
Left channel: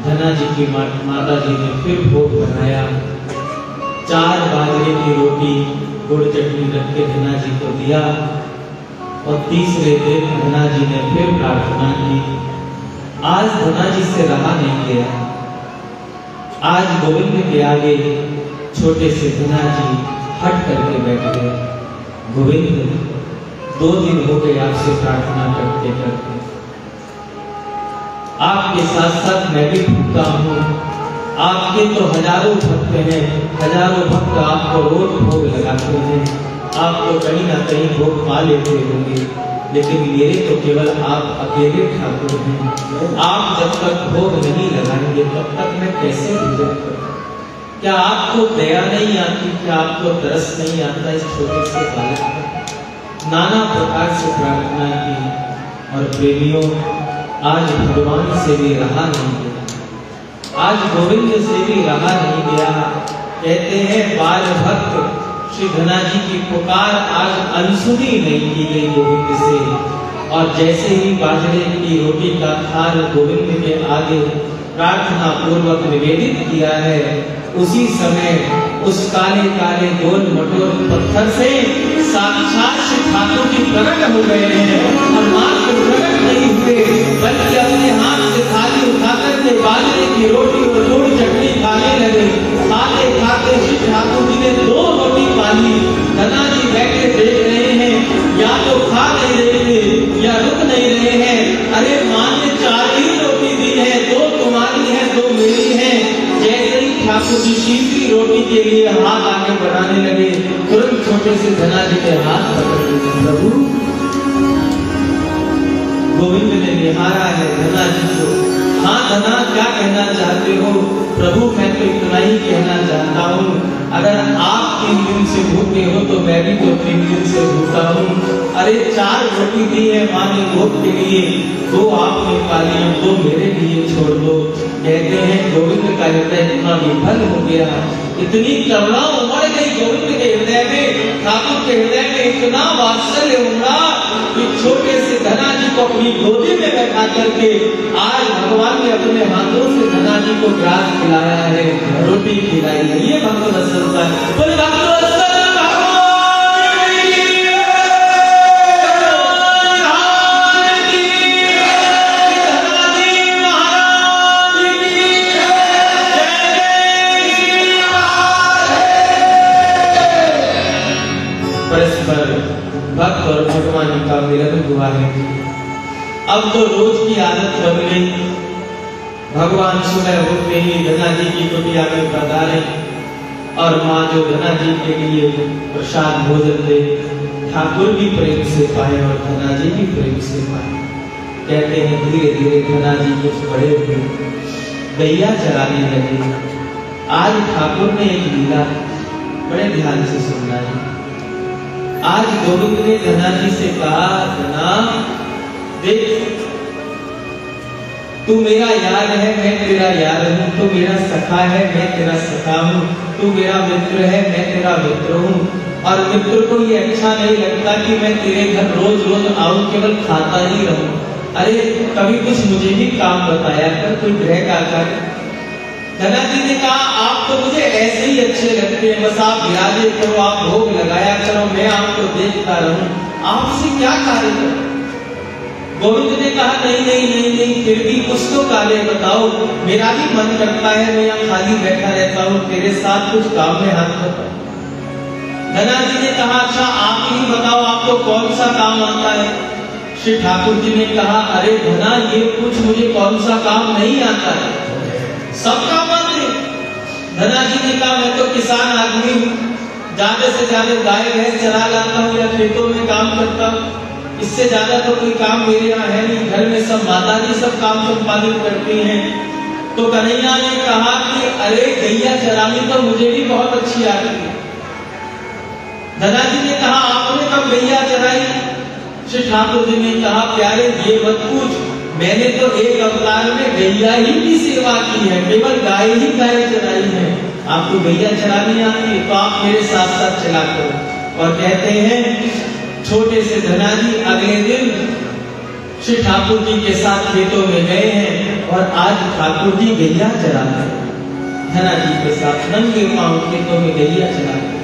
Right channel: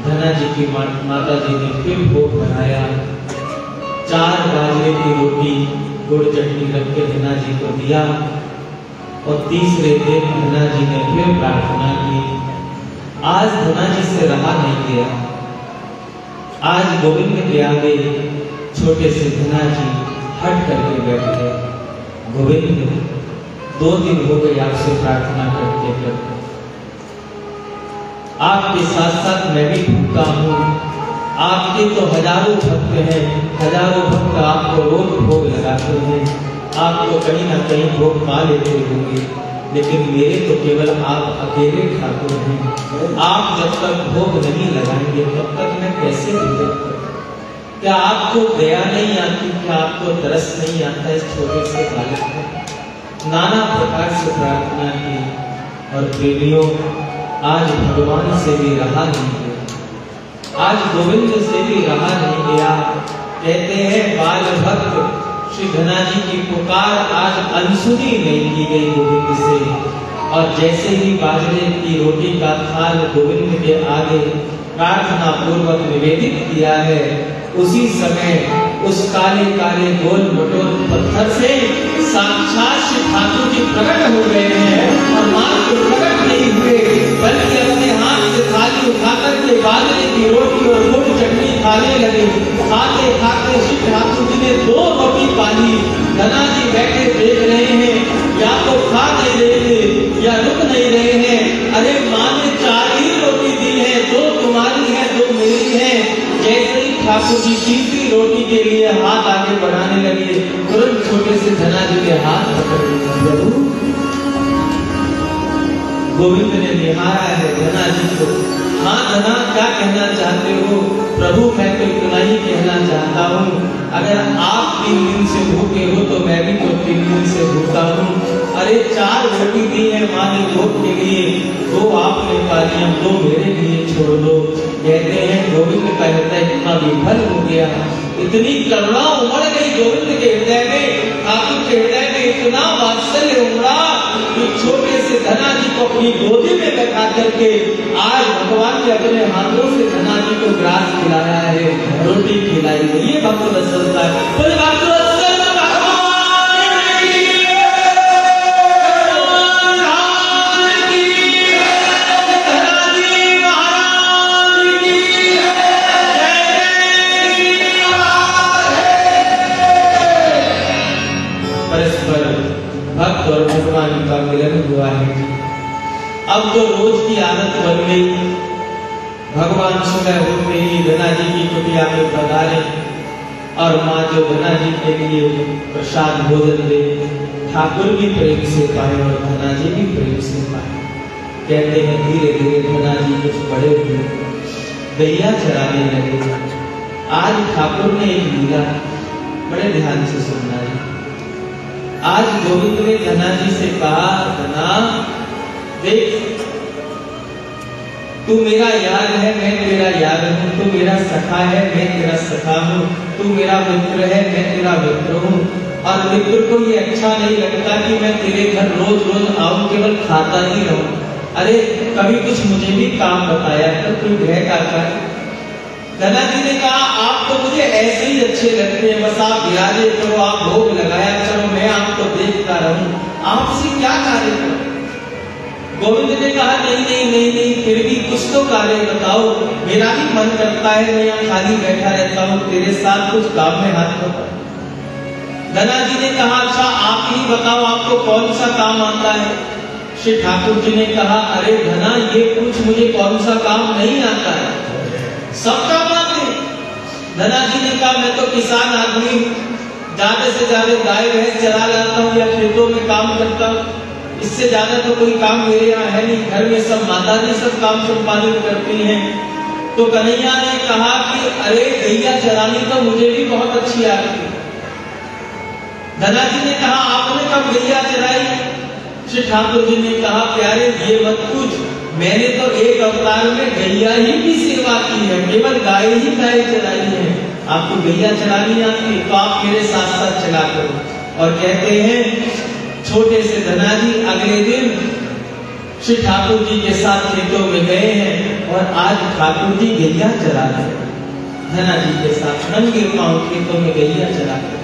धना जी की माता जी ने फिर भोग बनाया। 4 बाजरे की रोटी गुड़ चटनी रख के धना जी को दिया और तीसरे दिन धना जी ने फिर प्रार्थना की। आज धना जी से रहा नहीं गया। आज गोविंद के आगे छोटे से धना जी हट करके बैठ गए। गोविंद 2 दिन हो गए आपसे प्रार्थना करते करते, आपके साथ साथ मैं भी भूखा हूँ। आपके तो हजारों भक्त हैं, हजारों भक्त आपको रोज भोग लगाते हैं, आपको कहीं ना कहीं भोग पा लेते होंगे, लेकिन मेरे तो केवल आप अकेले ठाकुर हैं। आप जब तक भोग नहीं लगाएंगे तब तक मैं कैसे भोजन करूं? क्या आपको दया नहीं आती? क्या आपको तरस नहीं आता इस छोटे से बालक को? नाना प्रकार से प्रार्थना की और प्रेमियों, आज भगवान से भी रहा नहीं गया। आज गोविंद से भी रहा नहीं गया। कहते हैं बाल भक्त श्री धना जी की पुकार आज अनसुनी नहीं की गई गोविंद से। और जैसे ही बाजरे की रोटी का थाल गोविंद के आगे प्रार्थना पूर्वक निवेदित किया है, उसी समय उस काले काले गोल मटोल पत्थर से साक्षात श्री ठाकुर जी प्रकट हो गए हैं। और मात्र प्रकट नहीं हुए बल्कि अपने हाथ से थाली उठाकर के बाजरे की रोटी और गुड़ चटनी खाने लगे। खाते खाते श्री ठाकुर जी ने 2 रोटी पाली। धना जी बैठे देख रहे हैं, या तो खा नहीं रहे थे या रुक नहीं रहे हैं। अरे माँ ने 4 ही रोटी दी है, 2 तुम्हारी है 2 मेरी है। जैसे ही ठाकुर जी तीसरी रोटी के लिए हाथ आगे बढ़ाने लगे, तुरंत छोटे से धना जी के हाथ पकड़ लिए। प्रभु, गोविंद ने निहारा है धना जी को। हाँ धना, क्या कहना चाहते हो? प्रभु, मैं तो इतना ही कहना चाहता हूँ, अगर आप 3 दिन से भूखे हो तो मैं भी तो 3 दिन से भूखा हूँ। अरे 4 रोटी दी है माँ ने भोग के लिए, 2 आपने खा लिया, 2 मेरे लिए छोड़ दो। कहते हैं गोविंद का हृदय इतना विफल हो गया, इतनी करुणा उमड़ गई गोविंद के हृदय में, ठाकुर के हृदय में इतना वात्सल्य उमड़ा कि छोटे से धना जी को अपनी गोदी में बैठा करके आज भगवान ने अपने हाथों से धना जी को ग्रास खिलाया है, रोटी खिलाई है। ये भक्त वत्सलता है। तो भक्त वत्सल भक्त और भगवान का मिलन हुआ है। अब तो रोज की आदत बन गई। भगवान सुबह होते ही धना जी की कुटिया में पधारे और माँ जो धना जी के लिए प्रसाद भोजन दे, ठाकुर भी प्रेम से पाए और धना जी भी प्रेम से पाए। कहते हैं धीरे धीरे धना जी कुछ बड़े हुए, गैया चराने लगे। आज ठाकुर ने एक लीला बड़े ध्यान से सुनना है। आज गोविंद ने धना जी से कहा, धना देख, तू मेरा यार है, मैं तेरा यार हूँ, तू मेरा सखा है, मैं तेरा सखा हूँ, तू मेरा मित्र है, मैं तेरा मित्र हूँ। और मित्र को ये अच्छा नहीं लगता कि मैं तेरे घर रोज रोज आऊं, केवल खाता ही रहूं। अरे कभी कुछ मुझे भी काम बताया कर, तू गृह का कर। धना जी ने कहा, आप तो मुझे ऐसे ही अच्छे लगते हैं, बस आप विराजे करो, आप भोग लगाया करो, मैं आपको देखता रहूं, आपसे क्या कार्य करूं? गोविंद ने कहा, नहीं नहीं नहीं नहीं, फिर भी कुछ तो कार्य बताओ, मेरा भी मन करता है, मैं यहाँ खाली बैठा रहता हूँ, तेरे साथ कुछ काम में हाथ बताओ। धना जी ने कहा, अच्छा आप ही बताओ, आपको कौन सा काम आता है? श्री ठाकुर जी ने कहा, अरे धना, ये पूछ मुझे कौन सा काम नहीं आता है, सब काम आते। धना जी ने कहा, मैं तो किसान आदमी हूँ, ज्यादा से ज्यादा गाय भैंस चरा लाता हूँ या खेतों में काम करता हूँ, इससे ज्यादा तो कोई काम मेरे यहाँ है नहीं। घर में सब माता जी सब काम संपादित करती हैं। तो कन्हैया ने कहा कि अरे गैया चरानी तो मुझे भी बहुत अच्छी आती है। धना जी ने कहा, आपने कब गैया चराई? श्री ठाकुर जी ने कहा, प्यारे ये मत पूछ, मैंने तो एक अवतार में गैया ही की सेवा की है, केवल गाय ही गाय चराई है। आपको गैया चलानी आती है तो आप मेरे साथ साथ चला करो। और कहते हैं छोटे से धना जी अगले दिन श्री ठाकुर जी के साथ खेतों में गए हैं और आज ठाकुर जी गैया चरा रहे हैं। धना जी के साथ नंगे पांव खेतों में गैया चरा रहे हैं।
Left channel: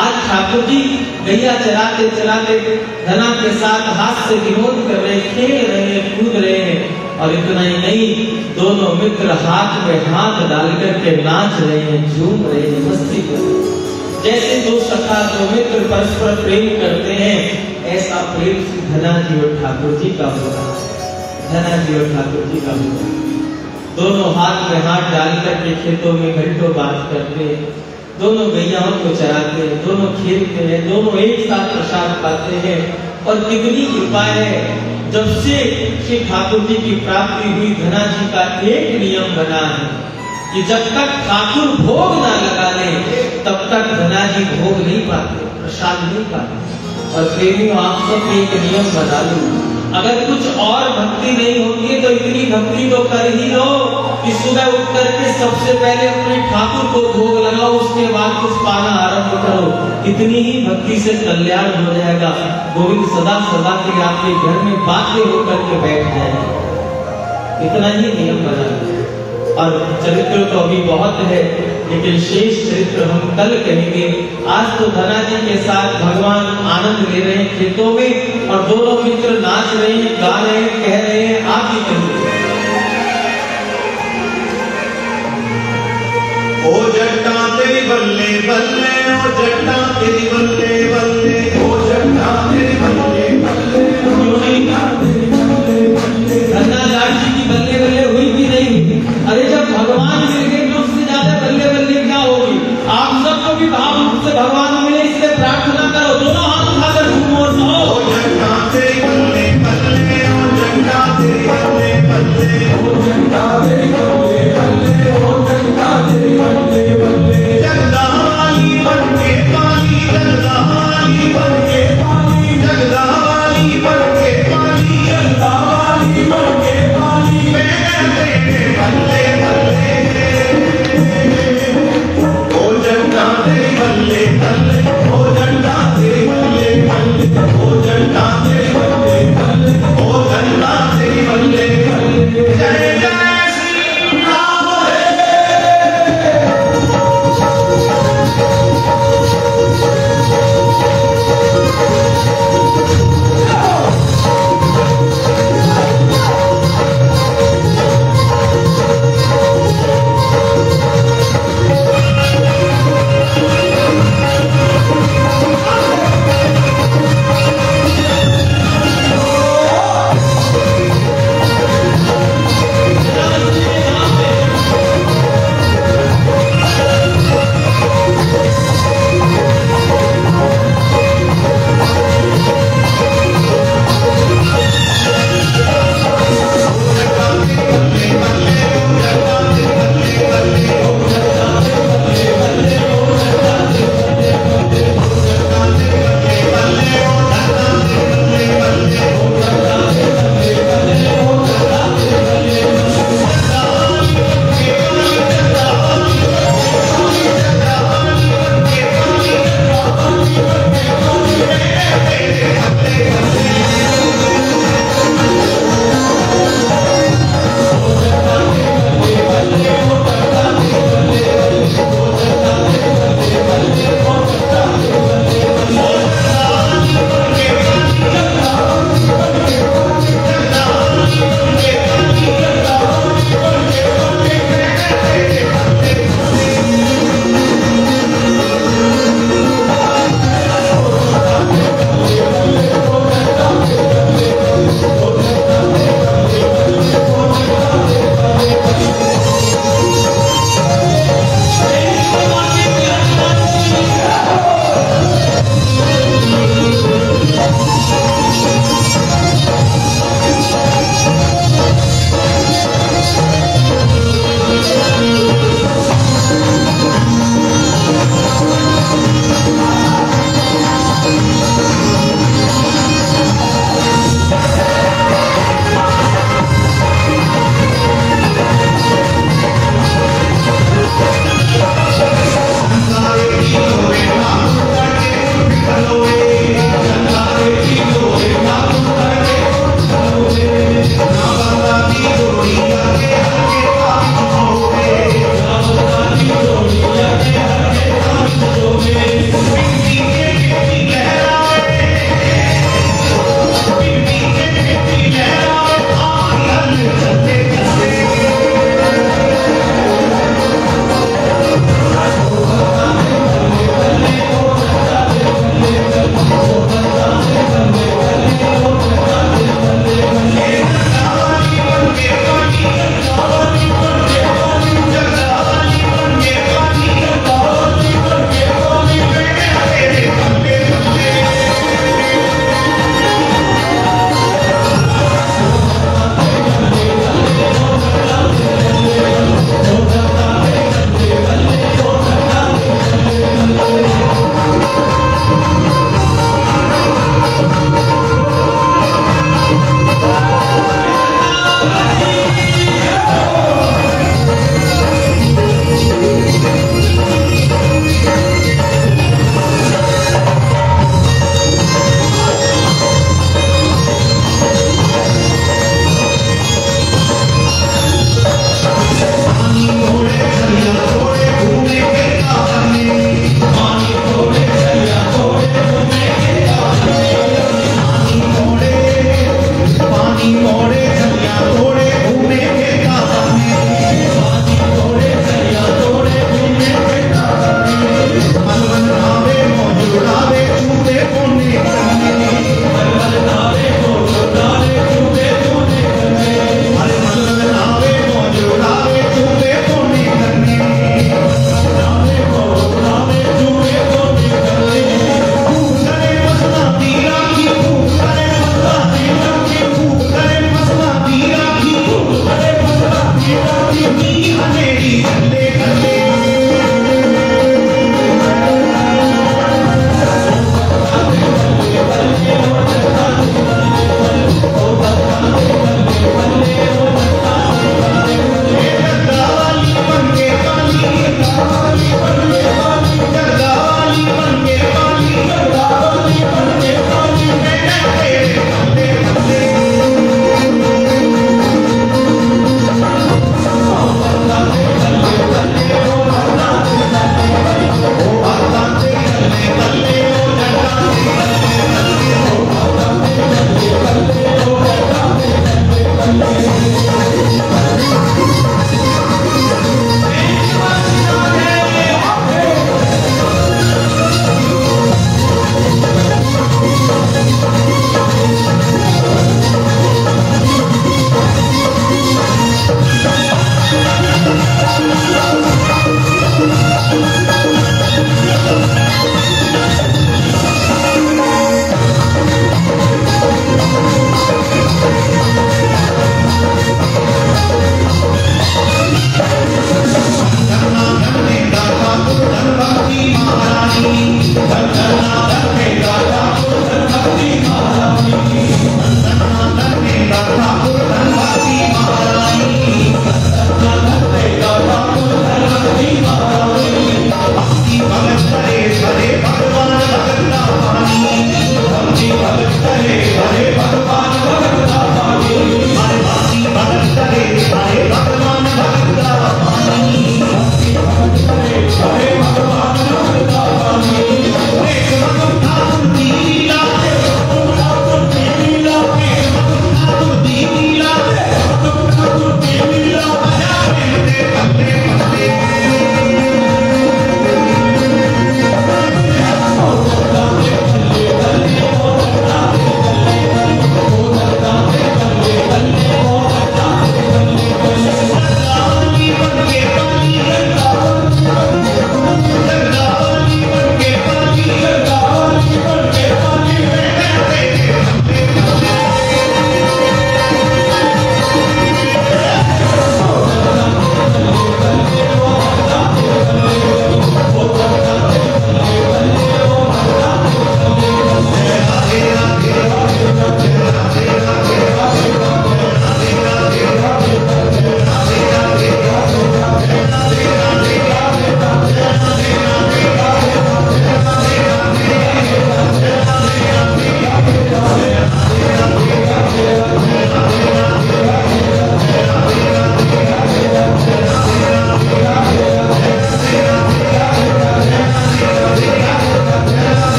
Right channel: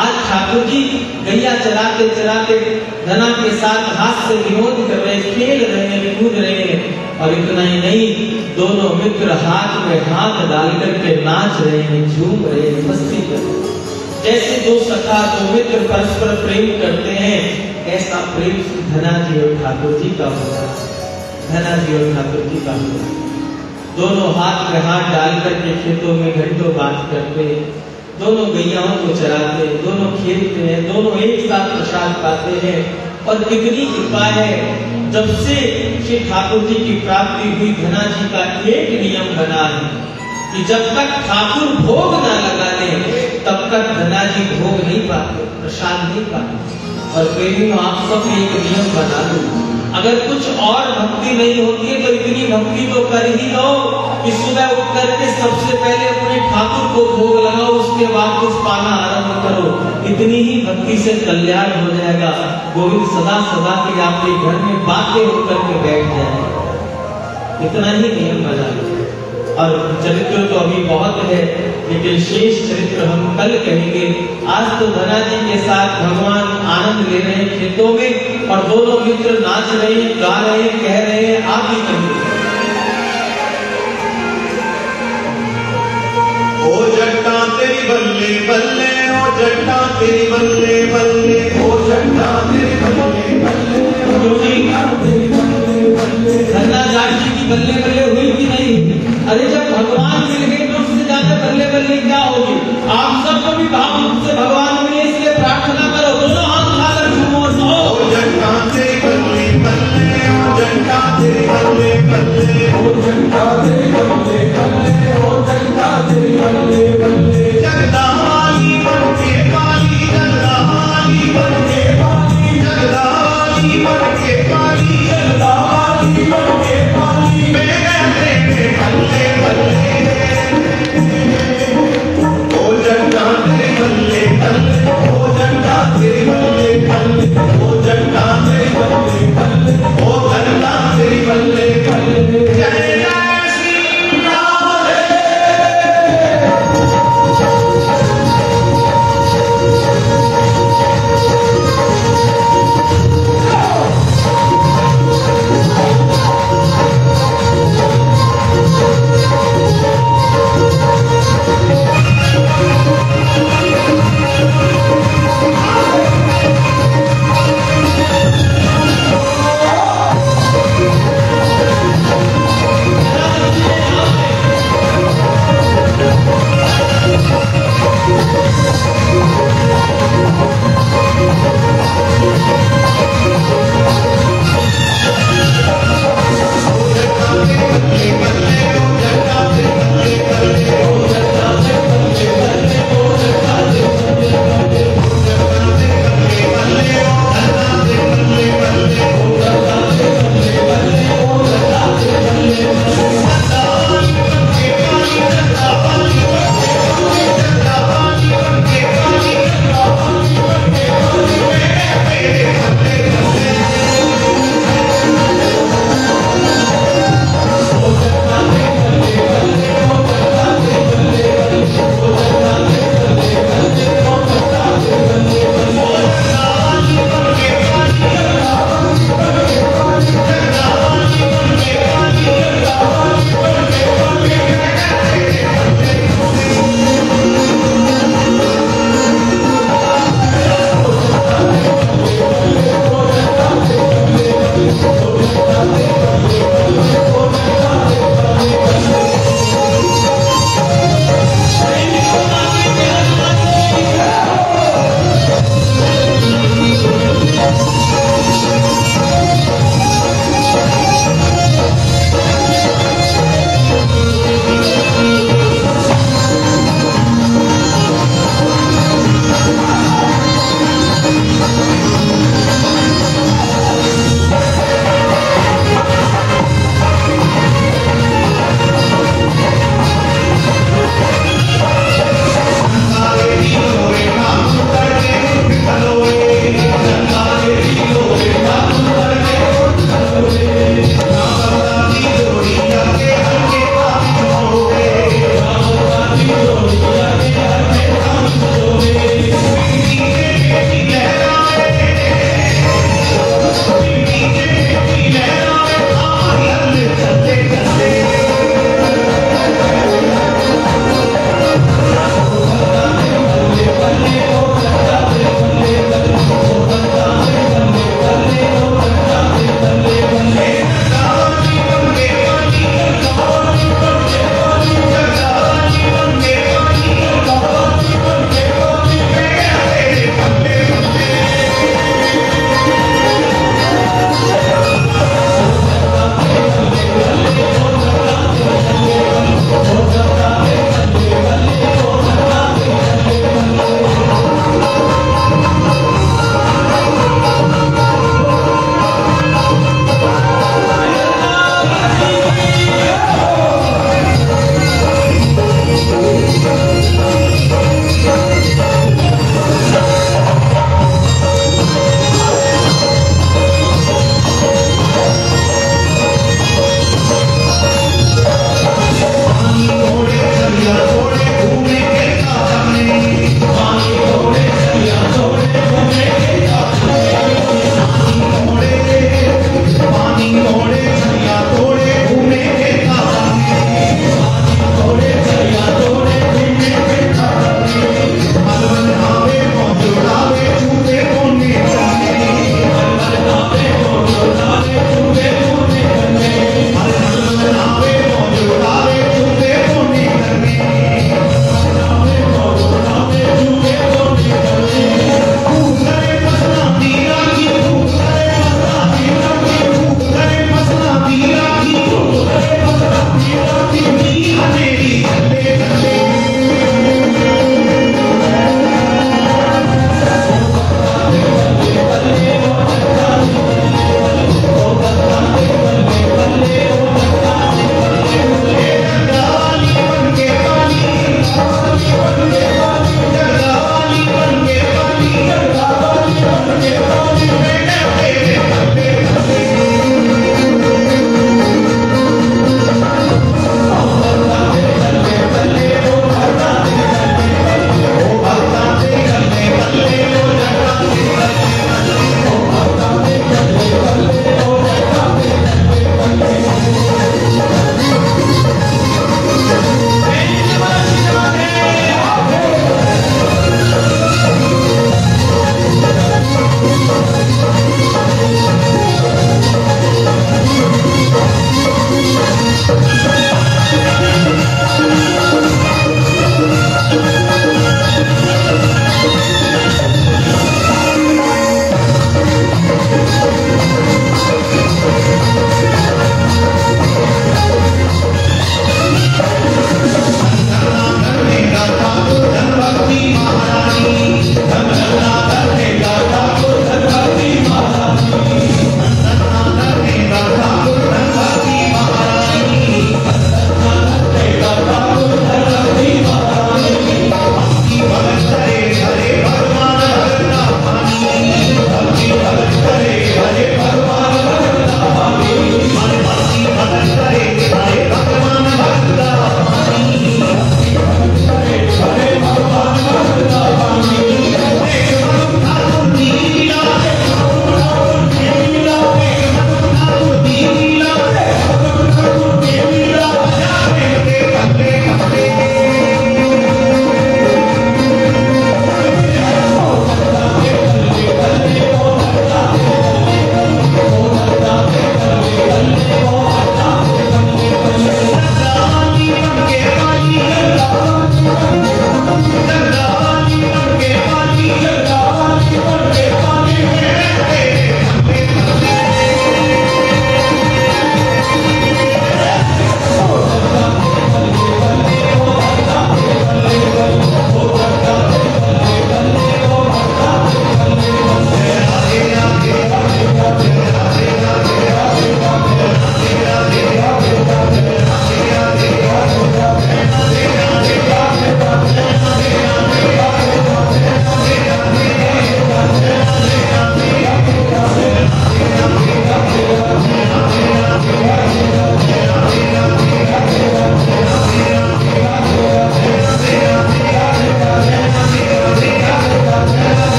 आज ठाकुर जी गैया चराते चराते धना के साथ हाथ से विनोद कर रहे, खेल रहे, कूद रहे हैं। और इतना ही नहीं, दोनों मित्र हाथ में हाथ डाल करके नाच रहे हैं, झूम रहे हैं, मस्ती कर रहे हैं। जैसे दो सखा दो मित्र परस्पर प्रेम करते हैं, ऐसा प्रेम धना जी और ठाकुर जी का होगा। धना जी और ठाकुर जी का होगा। दोनों हाथ में हाथ डाल करके खेतों में घंटों बात करते हैं, दोनों गैयाओं को चराते हैं, दोनों खेलते हैं, दोनों एक साथ प्रसाद पाते हैं। और कितनी कृपा है, जब से श्री ठाकुर जी की प्राप्ति हुई, धना जी का एक नियम बना है कि जब तक ठाकुर भोग न लगा ले तब तक धना जी भोग नहीं पाते, प्रसाद नहीं पाते। और प्रेमियों, आप सब एक नियम बना लो, अगर कुछ और भक्ति नहीं होती तो इतनी भक्ति तो कर ही लो कि सुबह उठ करके सबसे पहले अपने ठाकुर को भोग लगाओ, उसके बाद कुछ पाना आरंभ करो। इतनी ही भक्ति से कल्याण हो जाएगा। गोविंद सदा सदा के आपके घर में बातें होकर के बैठ जाएंगे। इतना ही नियम बना लो। और चरित्र तो अभी बहुत है, लेकिन शेष चरित्र हम कल कहेंगे। आज तो धना जी के साथ भगवान आनंद ले रहे हैं खेतों में, और दोनों मित्र नाच रहे हैं, गा रहे हैं, कह रहे हैं, आप ही कहिए। ओ जट्टा तेरी बल्ले बल्ले, ओ जट्टा तेरी बल्ले बल्ले, ओ जट्टा तेरी बल्ले बल्ले, धना जी की बल्ले बल्ले हुई कि नहीं? अरे जब भगवान मिल गए तो उससे ज्यादा बल्ले बल्ले क्या होगी? आप सबको भी भाव रूप से भगवान मिले, इसलिए प्रार्थना करो, दोनों हाथ उठाकर झूमो। ओ जट्टा तेरी बल्ले बल्ले, ओ जट्टा तेरी बल्ले बल्ले, ओ जट्टा तेरी बल्ले बल्ले, ओ जट्टा तेरी बल्ले बल्ले। जगदाली बनके काली, जगदाली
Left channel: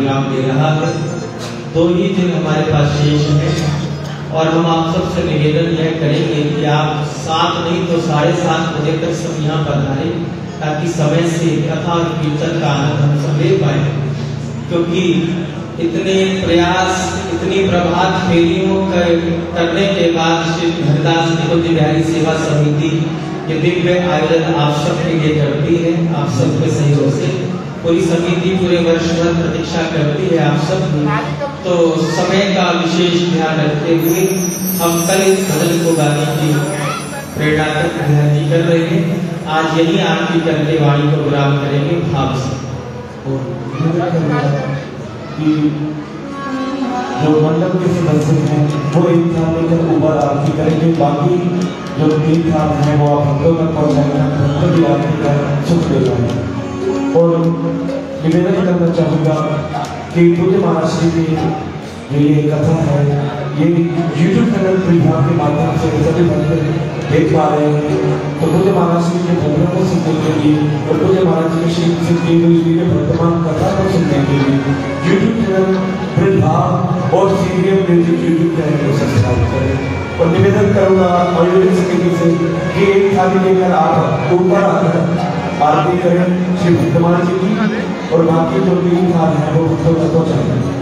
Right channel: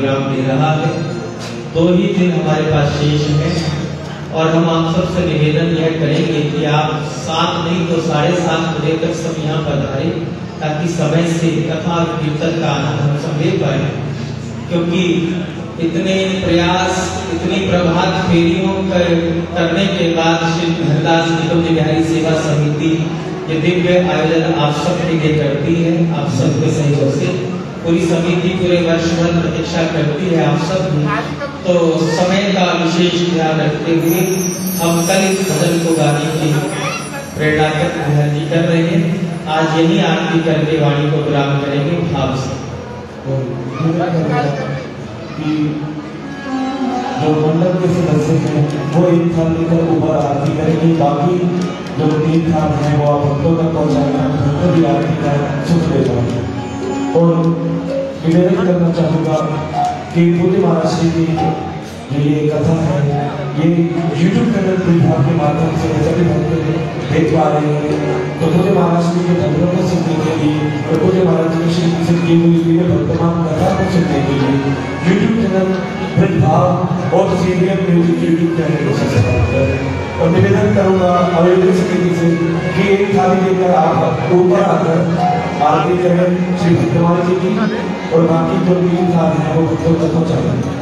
विराम ले रहा है। 2 ही दिन हमारे पास शेष है और हम आप सबसे निवेदन यह करेंगे कि आप 7 नहीं तो 7:30 बजे तक सब यहाँ पधारे, ताकि समय से कथा और कीर्तन का आनंद हम सब ले पाए। क्योंकि इतने प्रयास, इतनी प्रभात फेरियों करने के बाद श्री हरिदास निगम जी बिहारी सेवा समिति ये दिव्य आयोजन आप सबके लिए करती है। आप सबके सहयोग से पूरी समिति पूरे वर्ष भर प्रतीक्षा करती है आप सब। तो समय का विशेष ध्यान रखते हुए हम कल इस भजन को गाने की प्रेरणा कर रहे हैं। आज यही आरती करके वाणी को विराम करेंगे भाव से। कि जो मंडप के सदस्य हैं वो एक थाल लेकर ऊपर आरती करेंगे, बाकी जो 3 थाल हैं वो आप हम लोग तक पहुँचाएंगे, भी आरती कर सुख ले जाएंगे। और निवेदन करना चाहूँगा कि पूज्य महाराज जी की जो ये कथा है ये YouTube चैनल विभाग के माध्यम से सभी भक्त देख पा रहे हैं। तो पूज्य महाराज जी के भजनों को सुनने के लिए और पूज्य महाराज जी की वर्तमान कथा को सुनने के लिए YouTube चैनल विभाग और सीनियर म्यूजिक YouTube चैनल को सब्सक्राइब करें। और निवेदन करूँगा आयोजक समिति से कि एक थाली लेकर आप ऊपर आकर आरती करें श्री भगवान जी की, और बाकी जो भी थाल है वो भक्तों तक पहुँचाएंगे।